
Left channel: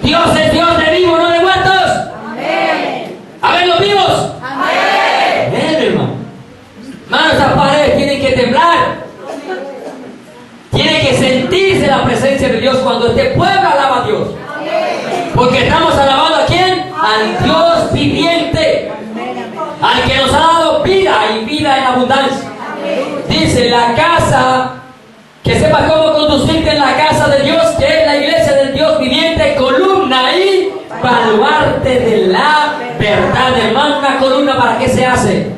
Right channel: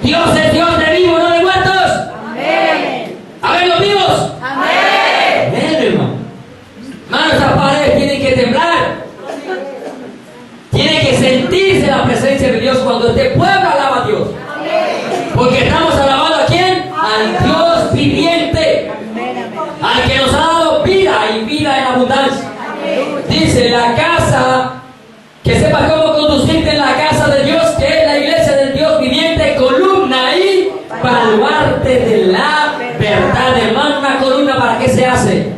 Dios es Dios de vivos, no de muertos. Amén. A ver, los vivos. Amén. Amén, hermano. Hermano, esas paredes tienen que temblar. Tiene que sentirse la presencia de Dios cuando este pueblo alaba a Dios. Porque estamos alabando a quién? Al Dios viviente. Al que nos ha dado vida y vida en abundancia. Dice la casa, que sepas cómo conducirte en la casa de Dios, que es la iglesia del Dios viviente, columna y baluarte de la verdad. Hermano, una columna, ¿para qué se hace?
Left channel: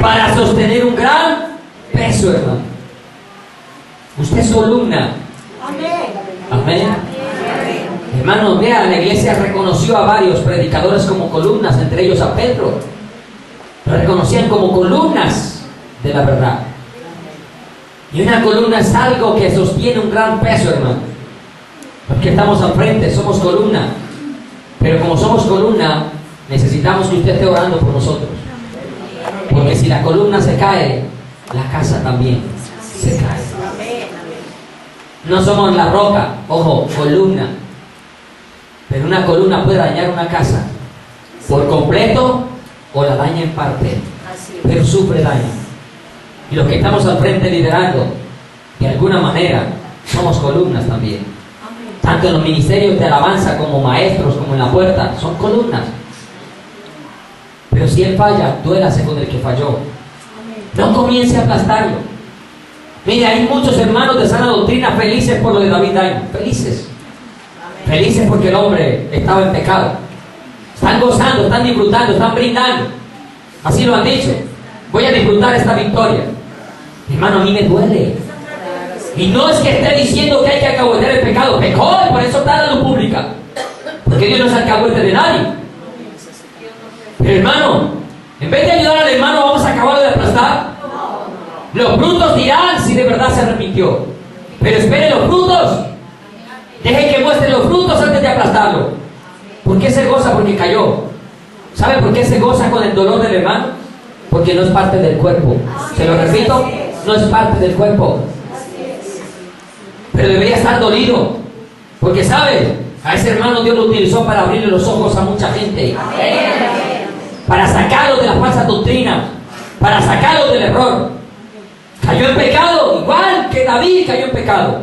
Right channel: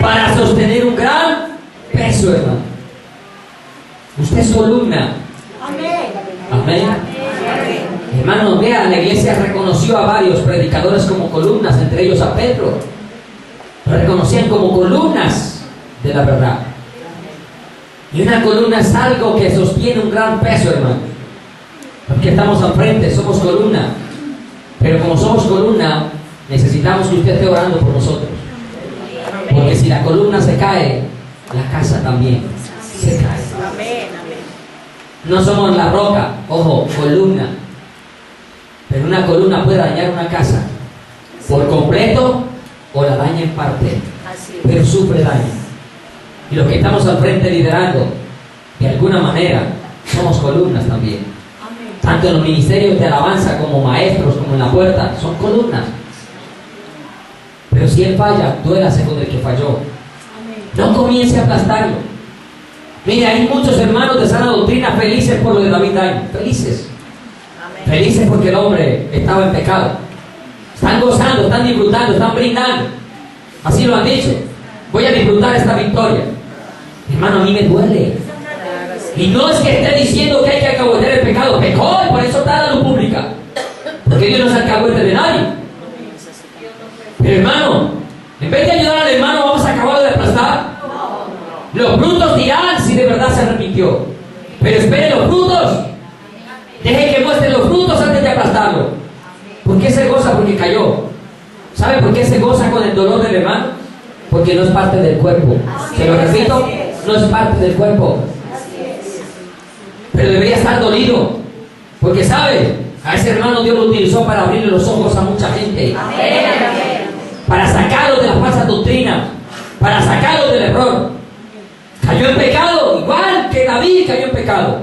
Para sostener un gran peso, hermano. Usted es columna. Amén. Hermanos, vea, la iglesia reconoció a varios predicadores como columnas, entre ellos a Pedro. Lo reconocían como columnas de la verdad. Y una columna es algo que sostiene un gran peso, hermano. Porque estamos al frente, somos columna. Pero como somos columna, necesitamos que usted esté orando por nosotros. Porque si la columna se cae, la casa también se cae. No somos la roca, ojo, columna. Pero una columna puede dañar una casa por completo o la daña en parte, pero sufre daño. Y los que estamos al frente liderando, de alguna manera, somos columnas también. Tanto en los ministerios de alabanza como maestros, como en la puerta, son columnas. Pero si él falla, duélase con el que falló. No comience a aplastarlo. Mire, hay muchos hermanos de sana doctrina felices por lo de David Daño. Felices. Felices porque el hombre estaba en pecado. Están gozando, están disfrutando, están brindando. Así lo han dicho. Voy a disfrutar esta victoria. Hermano, a mí me duele. Y no es que esté diciendo que hay que alcahuetear el pecado. Pecó y por eso está en la luz pública. Porque Dios no es alcahuete de nadie. Pero hermano, en vez de ayudar al hermano, vamos a acabarlo de aplastar. Los frutos dirán si de verdad se arrepintió. Pero espere los frutos. Deje que muestre los frutos antes de aplastarlo. ¿Por qué se goza? Porque cayó. ¿Sabe por qué se goza con el dolor del hermano? Porque no es parte del cuerpo. Se lo repito, no es parte del cuerpo. Pero debería estar dolido. Porque sabe, a ese hermano Dios lo utilizó para abrirle los ojos a mucha gente. Para sacarlo de la falsa doctrina. Para sacarlo del error. Cayó en pecado, igual que David cayó en pecado.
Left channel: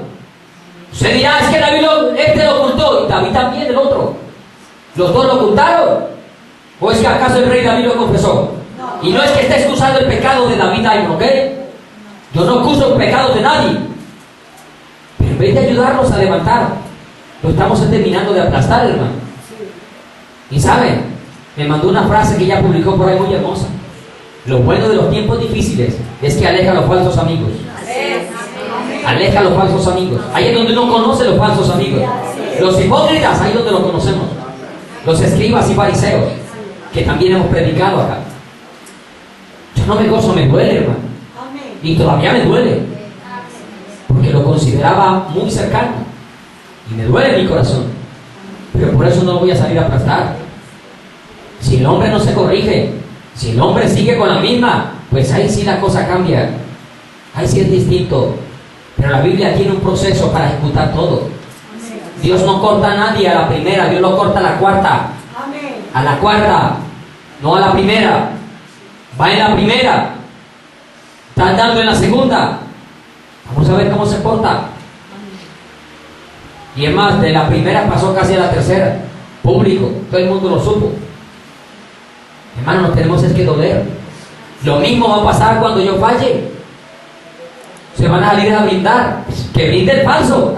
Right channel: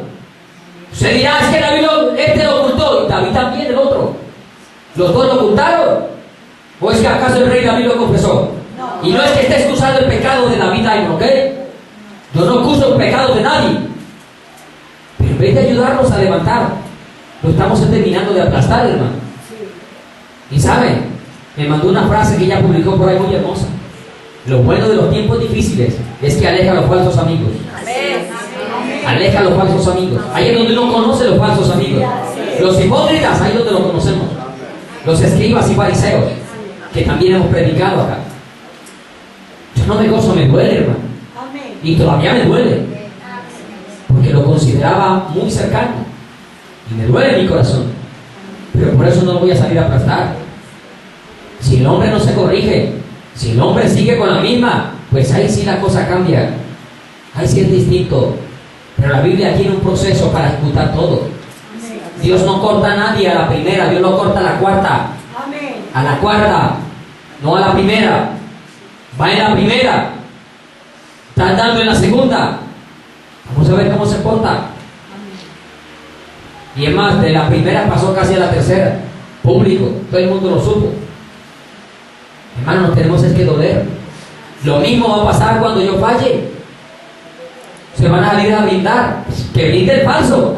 Se dirá, es que David este lo ocultó, y David también el otro. ¿Los dos lo ocultaron? ¿O es que acaso el rey David lo confesó? Y no es que esté excusando el pecado de David ahí, ¿ok? Yo no acuso el pecado de nadie. Pero en vez de ayudarnos a levantar, lo estamos terminando de aplastar, hermano. Y saben, me mandó una frase que ella publicó por ahí muy hermosa. Lo bueno de los tiempos difíciles es que aleja a los falsos amigos. Aleja a los falsos amigos. Ahí es donde uno conoce los falsos amigos. Los hipócritas, ahí es donde los conocemos. Los escribas y fariseos, que también hemos predicado acá. Yo no me gozo, me duele, hermano. Y todavía me duele. Porque lo consideraba muy cercano. Y me duele en mi corazón. Pero por eso no lo voy a salir a aplastar. Si el hombre no se corrige, si el hombre sigue con la misma, pues ahí sí la cosa cambia. Ahí sí es distinto. Pero la Biblia tiene un proceso para ejecutar todo. Dios no corta a nadie a la primera, Dios lo corta a la cuarta. A la cuarta, no a la primera. Va en la primera. Está andando en la segunda. Vamos a ver cómo se porta. Y es más, de la primera pasó casi a la tercera. Público, todo el mundo lo supo. Hermano, nos tenemos es que doler. Lo mismo va a pasar cuando yo falle. Se van a salir a brindar. Que brinde el falso.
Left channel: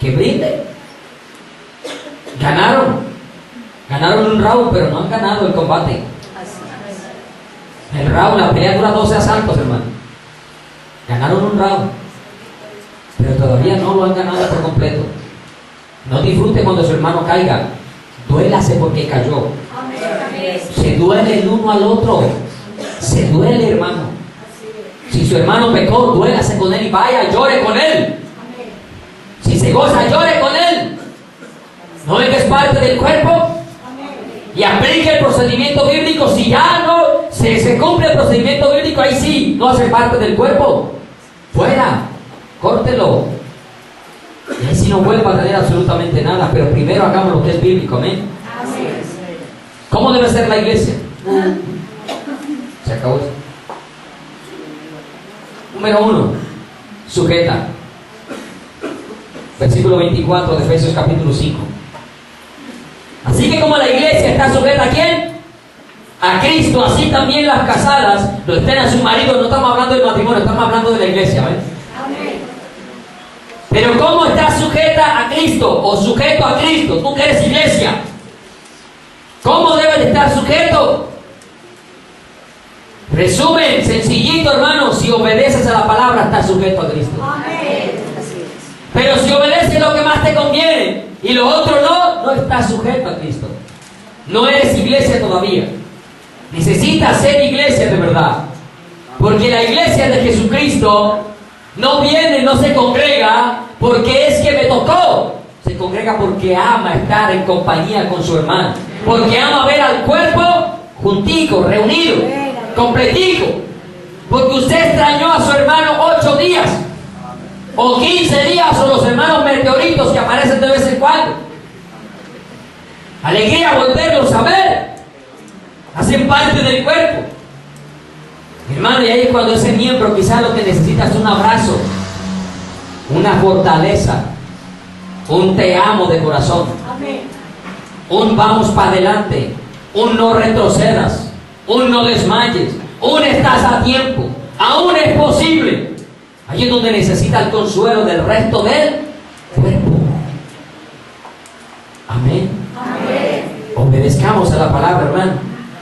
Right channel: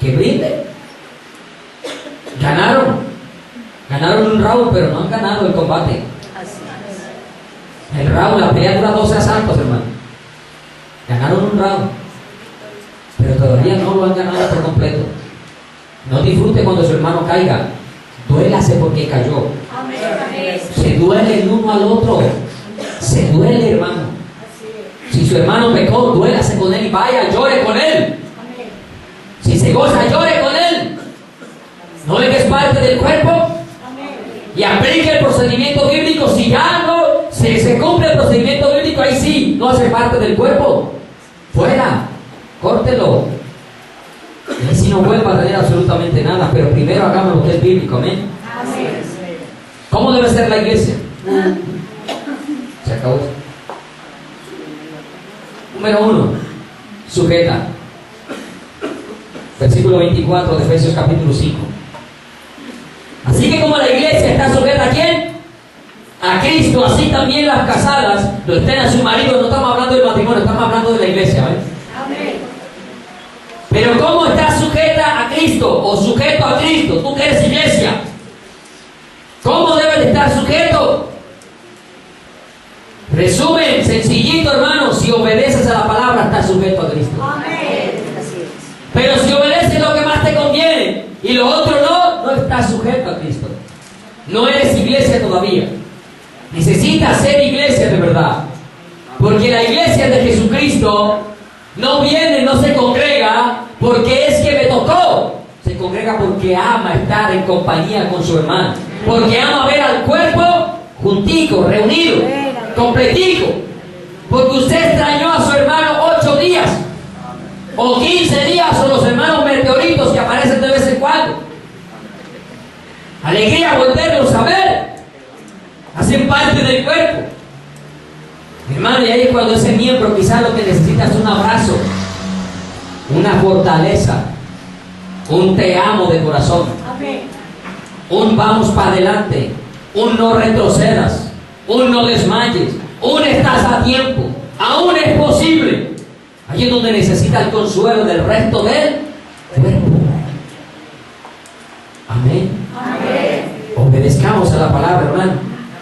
que brinde. Ganaron un round, pero no han ganado el combate. El round, la pelea dura 12 asaltos, hermano. Ganaron un round, pero todavía no lo han ganado por completo. No disfrute cuando su hermano caiga. Duélase porque cayó. Se duele el uno al otro. Se duele, hermano. Si su hermano pecó, duélase con él y vaya, llore con él. Si se goza, llore con él. ¿No ve que es parte del cuerpo? Y aplique el procedimiento bíblico. Si ya no se cumple el procedimiento bíblico, ahí sí, no hace parte del cuerpo. Fuera, córtelo. Y ahí sí no vuelva a tener absolutamente nada. Pero primero hagamos lo que es bíblico, amén. ¿Cómo debe ser la iglesia? Se acabó. Número 1, sujeta. Versículo 24 de Efesios capítulo 5. Así que como la iglesia está sujeta ¿a quién? A Cristo, así también las casadas lo estén a su marido. No estamos hablando del matrimonio, estamos hablando de la iglesia, ¿ves? Pero ¿cómo estás sujeta a Cristo o sujeto a Cristo? Tú que eres iglesia, ¿cómo debes de estar sujeto? Resumen, sencillito, hermano. Si obedeces a la palabra, estás sujeto a Cristo. Pero si obedeces lo que más te conviene y lo otro no estás sujeto a Cristo. No eres iglesia todavía. Necesitas ser iglesia de verdad. Porque la iglesia de Jesucristo no viene, no se congrega porque es que me tocó. Se congrega porque ama estar en compañía con su hermano. Porque ama ver al cuerpo juntico, reunido, completico. Porque usted extrañó a su hermano 8 días o 15 días, o los hermanos meteoritos que aparecen de vez en cuando. Alegría volverlos a ver. Hacen parte del cuerpo. Hermano, y ahí es cuando ese miembro quizás lo que necesita es un abrazo, una fortaleza, un te amo de corazón, un vamos para adelante, un no retrocedas, un no desmayes, un estás a tiempo, aún es posible. Allí es donde necesita el consuelo del resto del cuerpo. Amén. Obedezcamos a la palabra, hermano.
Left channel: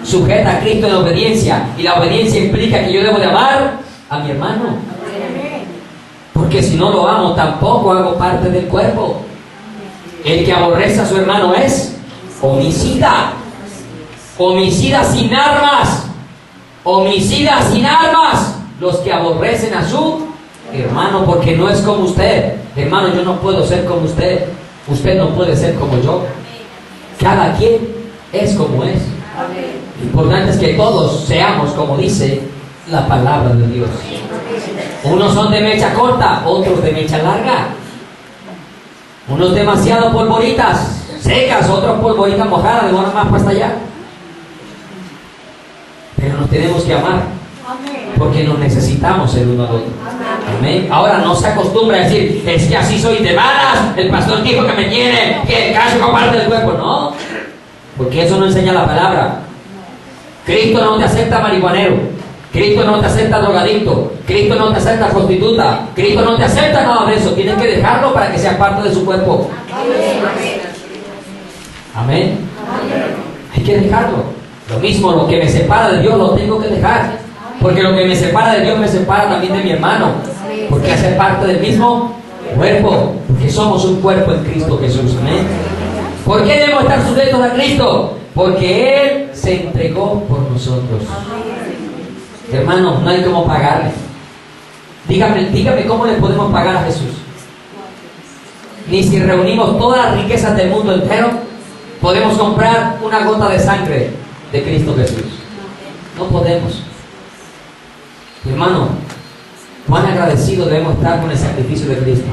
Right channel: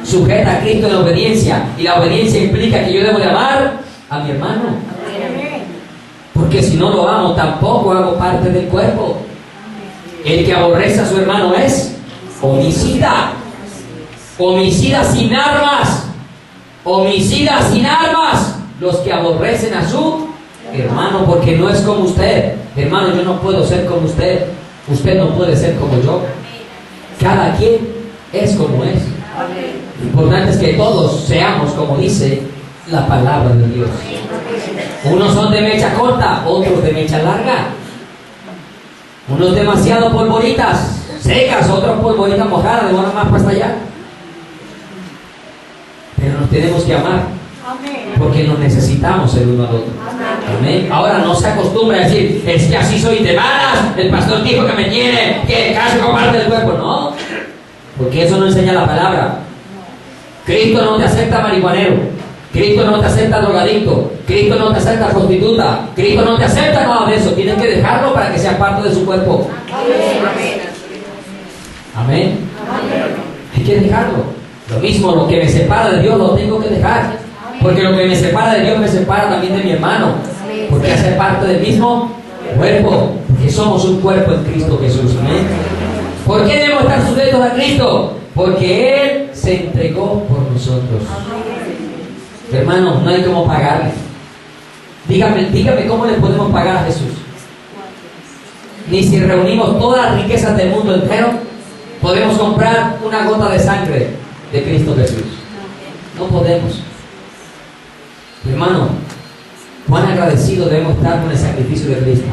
Sujeta a Cristo en obediencia. Y la obediencia implica que yo debo de amar a mi hermano. Porque si no lo amo, tampoco hago parte del cuerpo. El que aborrece a su hermano es homicida. Homicida sin armas. Homicida sin armas. Los que aborrecen a su hermano, porque no es como usted. Hermano, yo no puedo ser como usted. Usted no puede ser como yo. Cada quien es como es. Lo importante es que todos seamos como dice la palabra de Dios. Unos son de mecha corta, otros de mecha larga. Unos demasiado polvoritas secas, otros polvoritas mojadas, demoran más para allá. Pero nos tenemos que amar, porque nos necesitamos el uno al otro. Amén. Ahora no se acostumbra a decir, es que así soy de malas, el pastor dijo que me tiene, que casi comparte del cuerpo. No, porque eso no enseña la palabra. Cristo no te acepta marihuanero, Cristo no te acepta drogadicto, Cristo no te acepta prostituta, Cristo no te acepta nada de eso. Tienes que dejarlo para que sea parte de su cuerpo. Amén. Hay que dejarlo. Lo mismo, lo que me separa de Dios lo tengo que dejar, porque lo que me separa de Dios me separa también de mi hermano, porque hace parte del mismo cuerpo, porque somos un cuerpo en Cristo Jesús. Amén. ¿Por qué debemos estar sujetos a Cristo? Porque Él se entregó por nosotros. Hermanos, no hay cómo pagarle. Dígame cómo le podemos pagar a Jesús. Ni si reunimos todas las riquezas del mundo entero podemos comprar una gota de sangre de Cristo Jesús. No podemos. Hermano, cuán agradecidos debemos estar con el sacrificio de Cristo.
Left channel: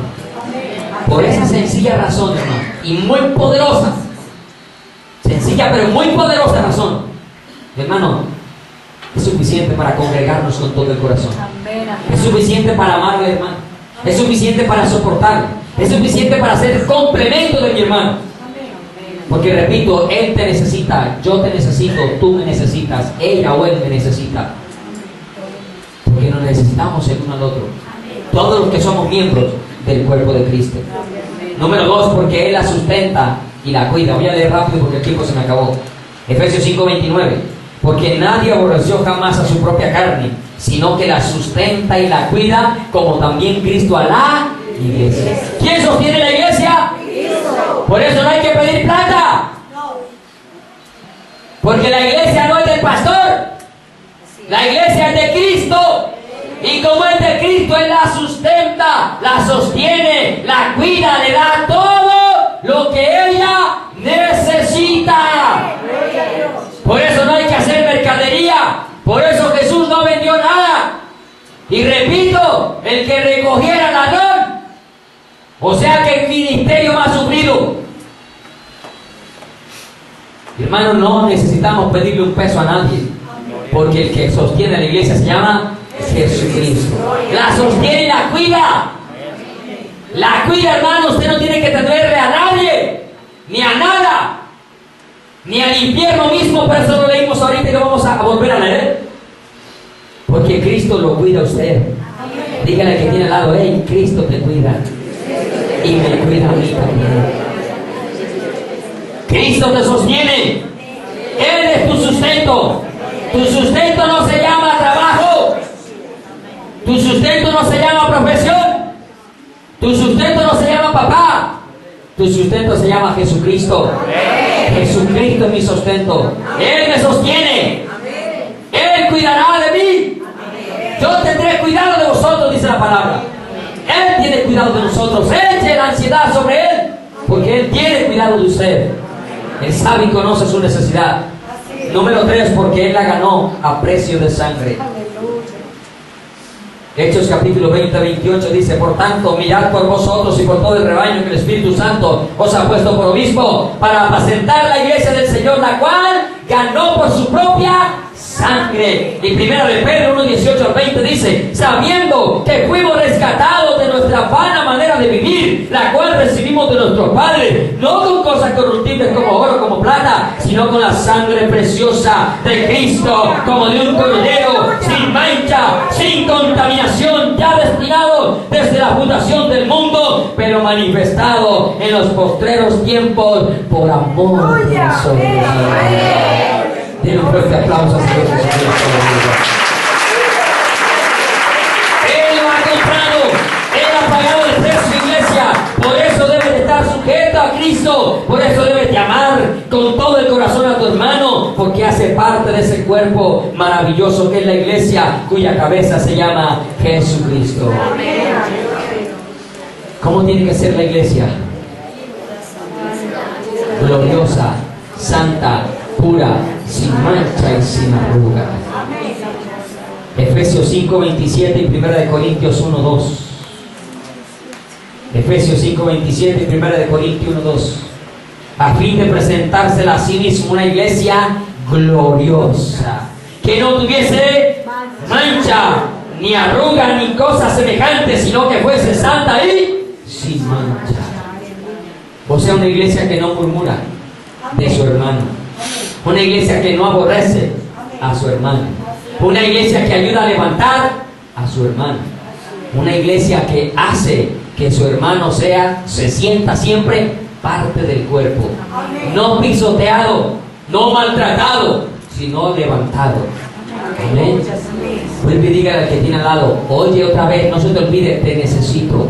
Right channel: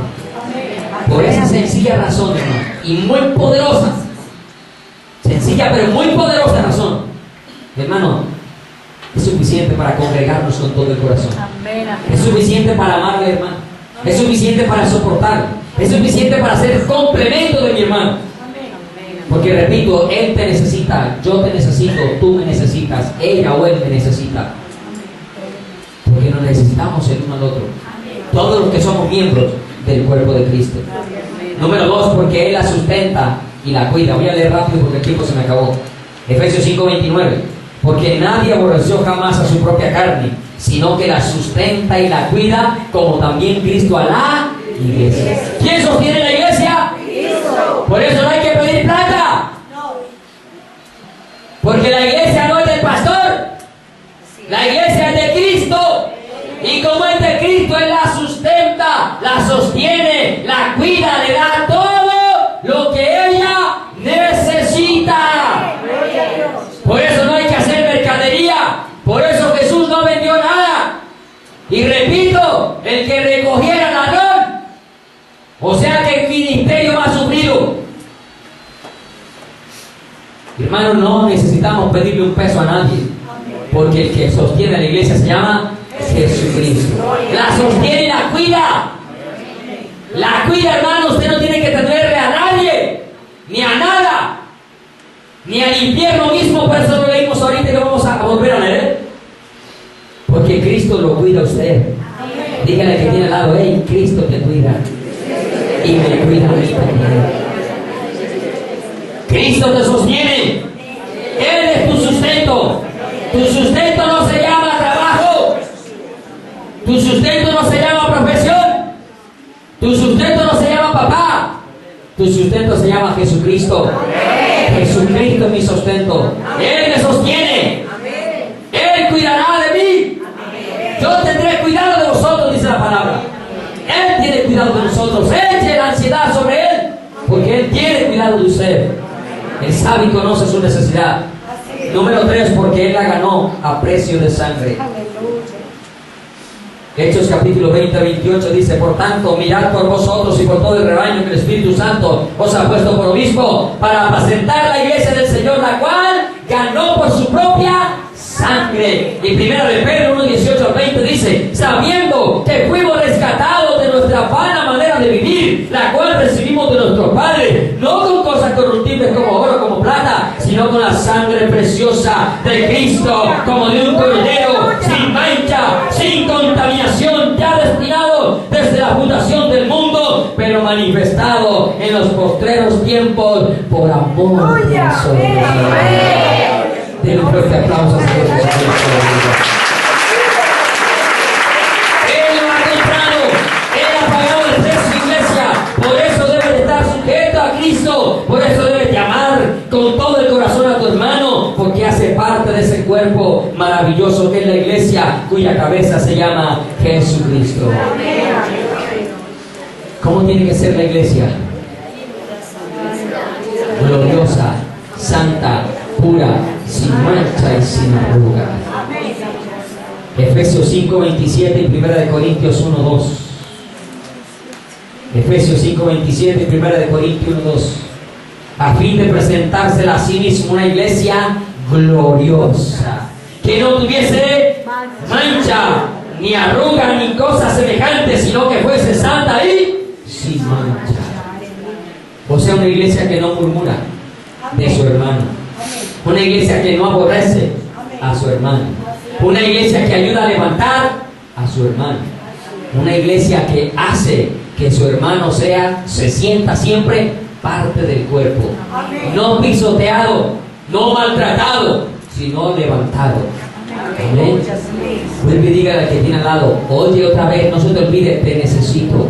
Por esa sencilla razón, hermano, y muy poderosa, sencilla pero muy poderosa razón, hermano, es suficiente para congregarnos con todo el corazón. Es suficiente para amarle, hermano. Es suficiente para soportarle. Es suficiente para ser complemento de mi hermano. Porque repito, Él te necesita, yo te necesito, tú me necesitas, ella o él me necesita. Porque nos necesitamos el uno al otro. Todos los que somos miembros del cuerpo de Cristo. Número 2, porque Él la sustenta y la cuida. Voy a leer rápido porque el tiempo se me acabó. Efesios 5:29. Porque nadie aborreció jamás a su propia carne, sino que la sustenta y la cuida, como también Cristo a la iglesia. ¿Quién sostiene la iglesia? Cristo. Por eso no hay que pedir plata. Porque la iglesia no es del pastor. La iglesia es de Cristo. Y como es de Cristo, Él la sustenta, la sostiene, la cuida, le da todo lo que ella necesita. Por eso no hay que hacer mercadería. Por eso Jesús no vendió nada. Y repito, el que recogiera ladrón, o sea que el ministerio más sufrido. Hermanos, no necesitamos pedirle un peso a nadie, porque el que sostiene a la iglesia se llama Jesucristo. La sostiene y la cuida. La cuida, hermano. Usted no tiene que tenerle a nadie, ni a nada, ni al infierno mismo. Por eso lo leímos ahorita y lo vamos a volver a leer. Porque Cristo lo cuida a usted. Dígale que tiene al lado: hey, Cristo te cuida y me cuida a mí también. Cristo te sostiene. Él es tu sustento. Tu sustento no se llama trabajo. Tu sustento no se llama profesión. Tu sustento no se llama papá. Tu sustento se llama Jesucristo. Jesucristo es mi sustento. Él me sostiene. Él cuidará de mí. Yo tendré cuidado de vosotros, dice la palabra. Él tiene cuidado de nosotros. Eche la ansiedad sobre Él, porque Él tiene cuidado de usted. Él sabe y conoce su necesidad. Número 3, porque Él la ganó a precio de sangre. Hechos capítulo 20-28 dice: por tanto, mirad por vosotros y por todo el rebaño que el Espíritu Santo os ha puesto por obispo, para apacentar la iglesia del Señor, la cual ganó por su propia sangre. Y primera de Pedro 1:18-20 dice: sabiendo que fuimos rescatados de nuestra vana manera de vivir, la cual recibimos de nuestros padres, no con cosas corruptibles como oro, como plata, sino con la sangre preciosa de Cristo, como de un cordero, sin mancha, sin contaminación, ya destinado desde la fundación del mundo, pero manifestado en los postreros tiempos por amor de nosotros. Denle un fuerte aplauso a Dios. Él lo ha comprado. Él ha pagado el precio, iglesia. Por eso debes de estar sujeto a Cristo. Por eso debes de amar con todo el corazón a tu hermano, porque hace parte de ese cuerpo maravilloso que es la iglesia, cuya cabeza se llama Jesucristo. ¿Cómo tiene que ser la iglesia? Gloriosa, santa, pura, sin mancha y sin arruga. Efesios 5:27 y 1 de Corintios 1:2. Efesios 5:27 y 1 de Corintios 1:2. A fin de presentársela a sí mismo una iglesia gloriosa, que no tuviese mancha, ni arruga, ni cosa semejante, sino que fuese santa y sin mancha. O sea, una iglesia que no murmura de su hermano. Una iglesia que no aborrece a su hermano. Una iglesia que ayuda a levantar a su hermano. Una iglesia que hace que su hermano se sienta siempre parte del cuerpo. No pisoteado, no maltratado, sino levantado. Amén. Vuelve y dígale al que tiene al lado: oye, otra vez, no se te olvide, te necesito.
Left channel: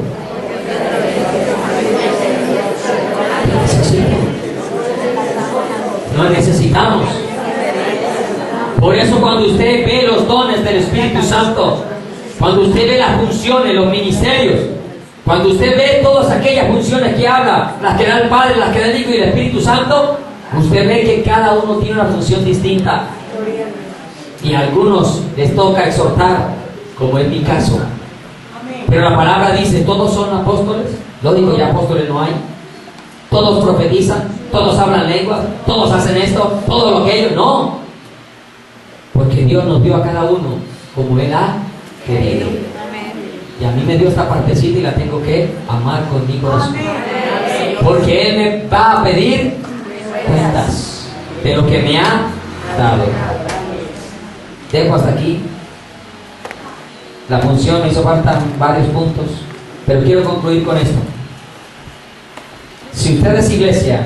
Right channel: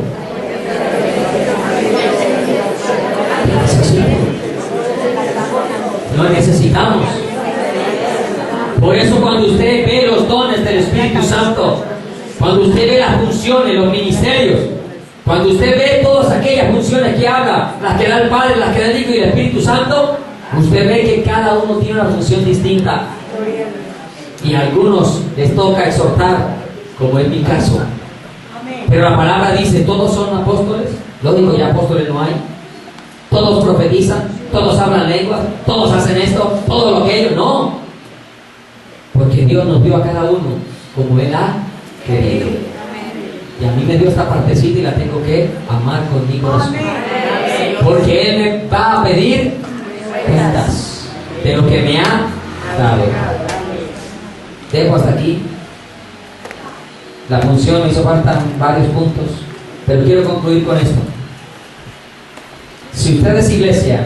Te necesito. Lo necesitamos. Por eso cuando usted ve los dones del Espíritu Santo, cuando usted ve las funciones, los ministerios, cuando usted ve todas aquellas funciones que habla, las que da el Padre, las que da el Hijo y el Espíritu Santo, usted ve que cada uno tiene una función distinta. Y a algunos les toca exhortar, como en mi caso. Pero la palabra dice: todos son apóstoles. Lógico, ya apóstoles no hay. Todos profetizan, todos hablan lenguas, todos hacen esto, todo lo aquello. No, porque Dios nos dio a cada uno como Él ha querido. Y a mí me dio esta partecita y la tengo que amar con mi corazón, porque Él me va a pedir cuentas de lo que me ha dado. Dejo hasta aquí. La función me hizo falta varios puntos, pero quiero concluir con esto. Si usted es iglesia,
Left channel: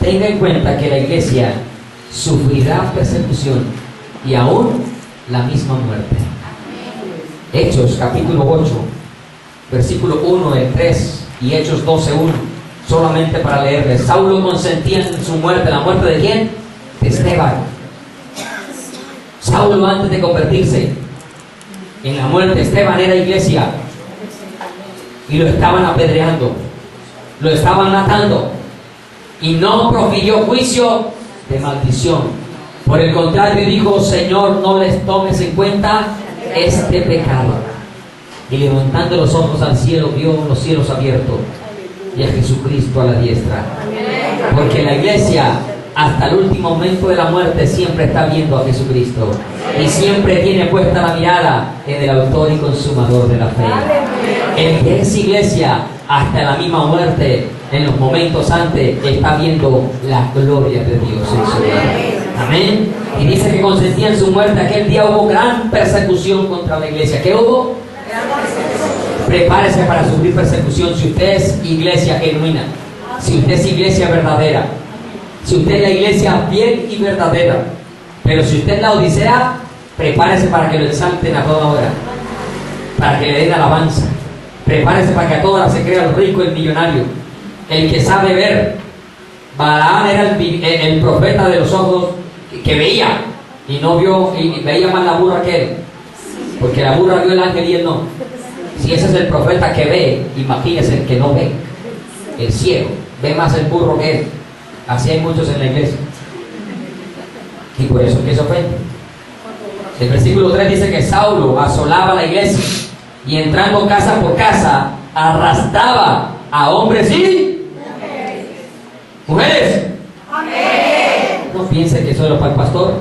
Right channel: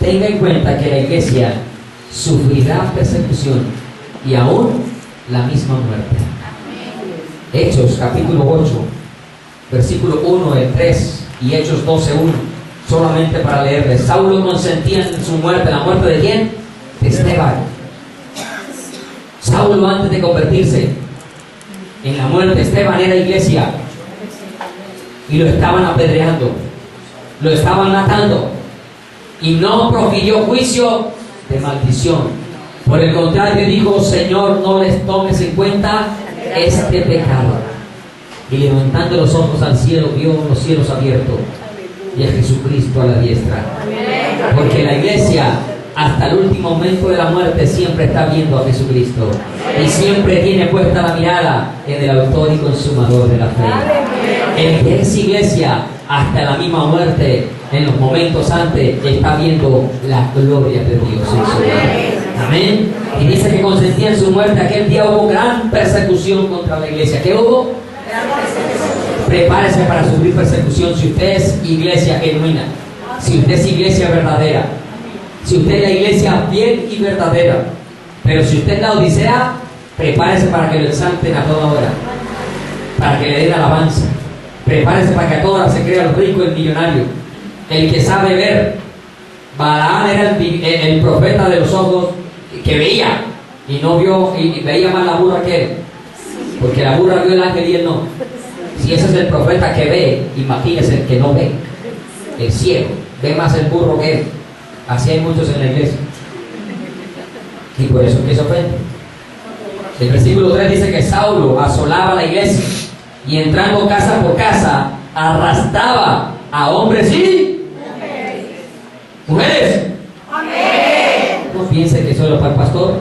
tenga en cuenta que la iglesia sufrirá persecución y aún la misma muerte. Hechos capítulo 8, versículo 1, el 3 y Hechos 12, 1, solamente para leerles. Saulo consentía en su muerte. ¿La muerte de quién? De Esteban. Saulo, antes de convertirse en la muerte, Esteban era iglesia y lo estaban apedreando, lo estaban matando, y no profirió juicio de maldición. Por el contrario, dijo: Señor, no les tomes en cuenta este pecado. Y levantando los ojos al cielo, vio los cielos abiertos y a Jesucristo a la diestra. Porque la iglesia, hasta el último momento de la muerte, siempre está viendo a Jesucristo y siempre tiene puesta la mirada en el autor y consumador de la fe. El que es iglesia hasta la misma muerte, en los momentos antes, está viendo la gloria de Dios en su vida. Amén. Y dice que consentía en su muerte. Aquel día hubo gran persecución contra la iglesia. ¿Qué hubo? Prepárese para sufrir persecución si usted es iglesia genuina, si usted es iglesia verdadera, si usted es la iglesia fiel y verdadera. Pero si usted es la odisea, prepárese para que lo exalten a toda hora, para que le den alabanza. Prepárese para que a toda hora se crea el rico, el millonario, el que sabe ver. Balaam era el profeta de los ojos que veía y no vio, y veía más la burra que él, porque la burra vio el ángel y él no. Si ese es el profeta que ve, imagínese el que no ve, el ciego, ve más el burro que él. Así hay muchos en la iglesia, y por eso que se ofende. El versículo 3 dice que Saulo asolaba la iglesia y entrando casa por casa arrastraba a hombres y mujeres. No piense que solo para el pastor,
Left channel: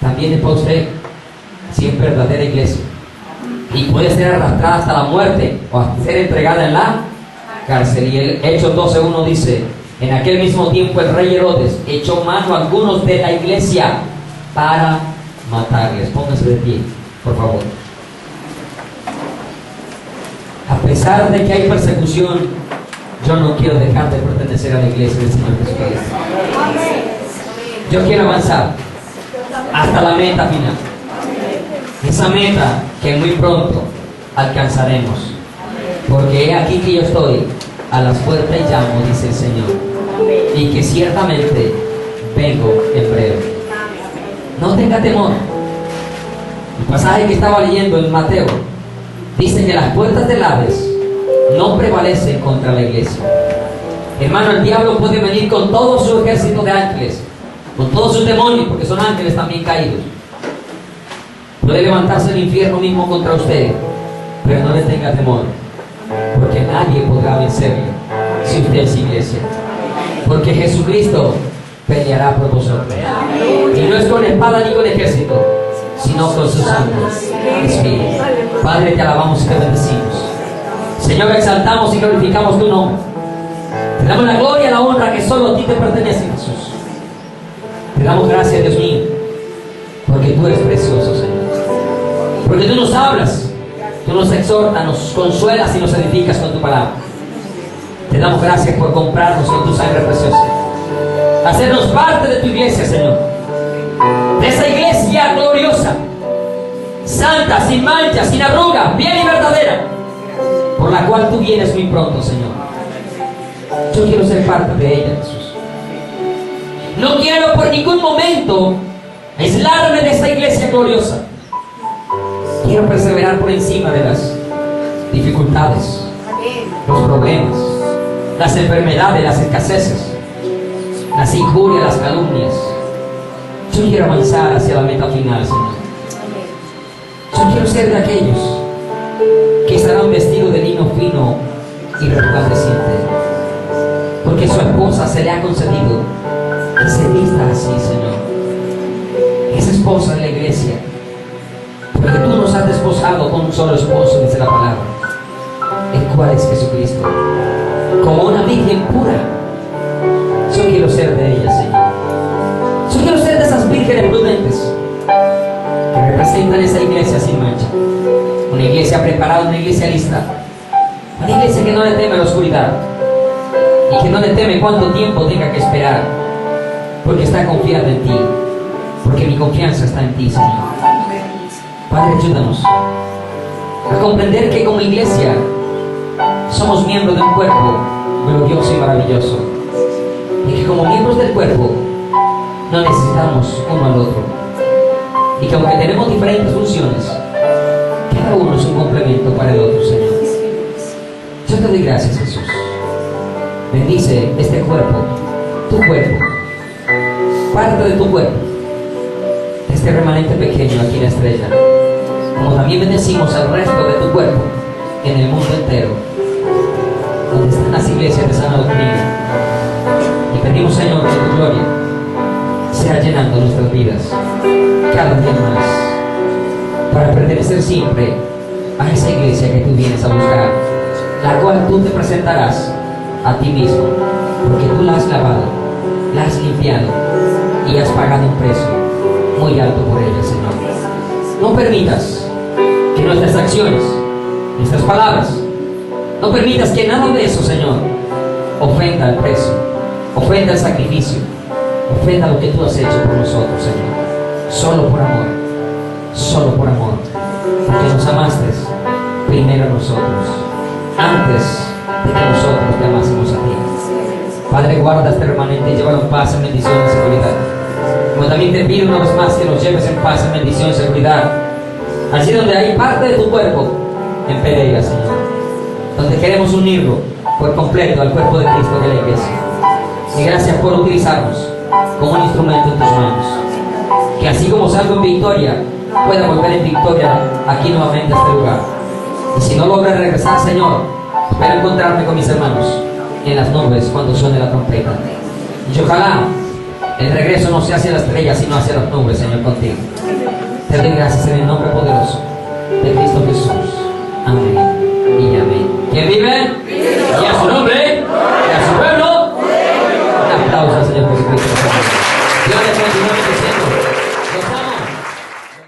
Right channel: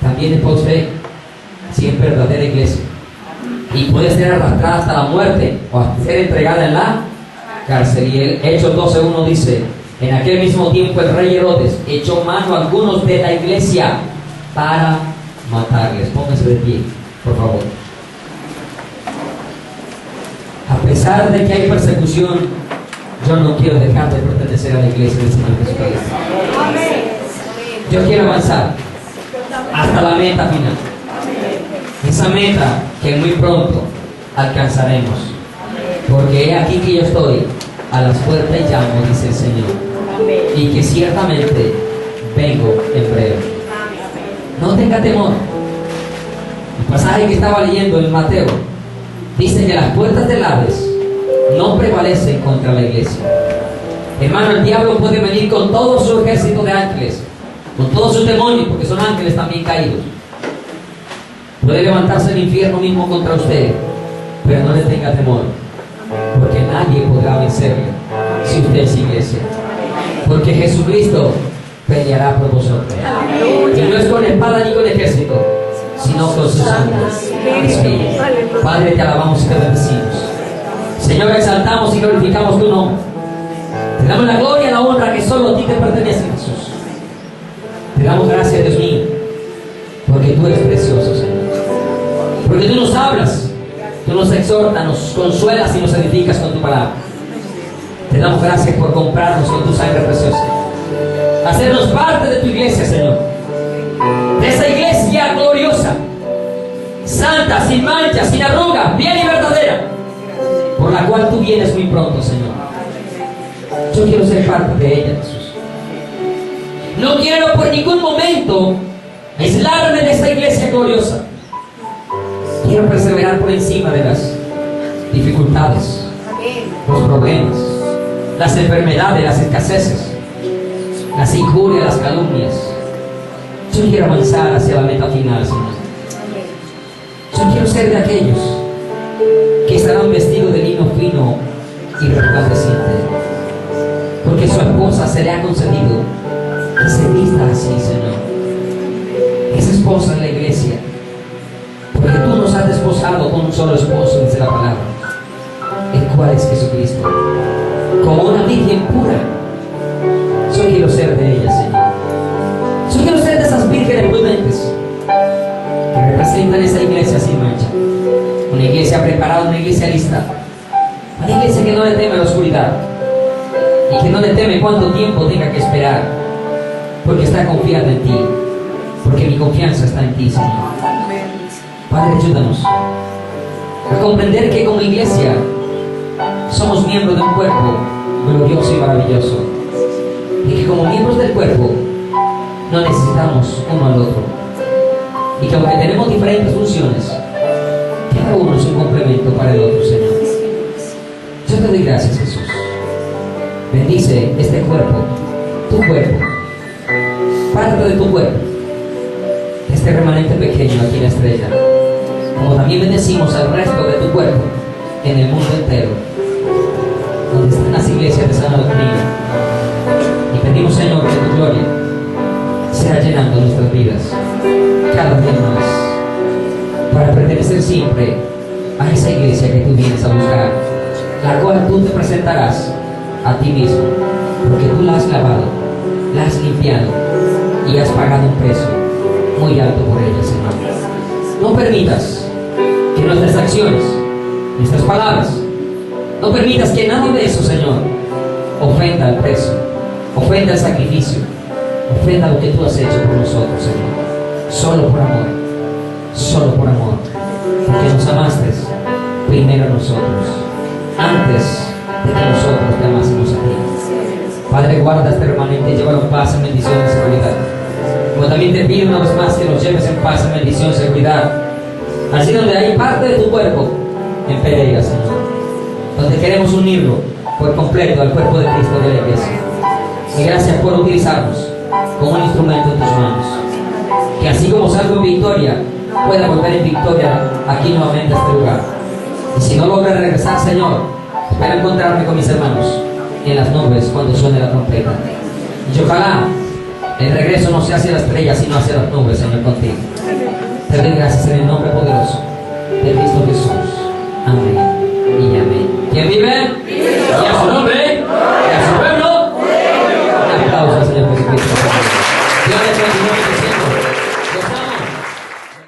también es para usted, si es verdadera iglesia. Y puede ser arrastrada hasta la muerte o hasta ser entregada en la cárcel. Y el Hechos 12:1 dice: en aquel mismo tiempo el rey Herodes echó mano a algunos de la iglesia para matarles. Pónganse de pie, por favor. A pesar de que hay persecución, yo no quiero dejar de pertenecer a la iglesia del Señor Jesucristo. Yo quiero avanzar hasta la meta final. Esa meta que muy pronto alcanzaremos. Porque he aquí que yo estoy a las puertas y llamo, dice el Señor. Y que ciertamente vengo en breve. No tenga temor. El pasaje que estaba leyendo en Mateo dice que las puertas del Hades no prevalecen contra la iglesia. Hermano, el diablo puede venir con todo su ejército de ángeles, con todos sus demonios, porque son ángeles también caídos. Puede levantarse el infierno mismo contra usted, pero no le tenga temor, porque nadie podrá vencerle si usted es iglesia. Porque Jesucristo peleará por vosotros. Y no es con espada ni con ejército, sino con sus ángeles. Padre, te alabamos y te bendecimos. Señor, exaltamos y glorificamos tu nombre. Te damos la gloria y la honra que solo a ti te pertenece, Jesús. Te damos gracias, Dios mío, porque tú eres precioso, Señor. Porque tú nos hablas, tú nos exhortas, nos consuelas y nos edificas con tu palabra. Te damos gracias por comprarnos con tu sangre preciosa, hacernos parte de tu iglesia, Señor, de esa iglesia gloriosa, santa, sin mancha, sin arruga, bien y verdadera, por la cual tú vienes muy pronto, Señor. Yo quiero ser parte de ella, Jesús. No quiero por ningún momento aislarme de esa iglesia gloriosa. Quiero perseverar por encima de las dificultades, los problemas, las enfermedades, las escaseces, las injurias, las calumnias. Yo quiero avanzar hacia la meta final, Señor. Yo quiero ser de aquellos que estarán vestidos de lino fino y resplandeciente, porque su esposa se le ha concedido que se vista así, Señor. Esa esposa de la iglesia, porque tú nos has desposado con un solo esposo, dice la palabra, el cual es Jesucristo, como una virgen pura. Yo quiero ser de ella, Señor. Yo quiero ser de esas vírgenes prudentes que representan esa iglesia sin mancha, una iglesia preparada, una iglesia lista, una iglesia que no le teme a la oscuridad, y que no le teme cuánto tiempo tenga que esperar, porque está confiado en ti, porque mi confianza está en ti, Señor. Padre, ayúdanos a comprender que como iglesia somos miembros de un cuerpo glorioso y maravilloso, y que como miembros del cuerpo no necesitamos uno al otro, y que aunque tenemos diferentes funciones, cada uno es un complemento para el otro, Señor. Yo te doy gracias, Jesús. Bendice este cuerpo, tu cuerpo, parte de tu cuerpo, este remanente pequeño aquí en la Estrella, como también bendecimos al resto de tu cuerpo en el mundo entero, donde están las iglesias de sana doctrina. Y pedimos, Señor, que tu gloria sea llenando nuestras vidas cada día más, para pertenecer siempre a esa iglesia que tú vienes a buscar, la cual tú te presentarás a ti mismo, porque tú la has lavado, la has limpiado y has pagado un precio muy alto por ella, Señor. No permitas que nuestras acciones, nuestras palabras, no permitas que nada de eso, Señor, ofenda al precio, ofenda al sacrificio, ofenda lo que tú has hecho por nosotros, Señor. Solo por amor, porque nos amaste primero a nosotros, antes de que nosotros te amásemos a ti. Padre, guarda este remanente y llévalo en paz, en bendición y seguridad. Como también te pido una vez más que nos lleves en paz, en bendición y seguridad, así donde hay parte de tu cuerpo en Pereira, Señor, donde queremos unirlo por completo al cuerpo de Cristo de la iglesia. Y gracias por utilizarnos como un instrumento en tus manos, que así como salgo en victoria, pueda volver en victoria aquí nuevamente a este lugar. Y si no logro regresar, Señor, espero encontrarme con mis hermanos en las nubes cuando suene la trompeta. Y ojalá el regreso no sea hacia la estrella, sino hacia las nubes, Señor, contigo. Te doy gracias en el nombre poderoso de Cristo.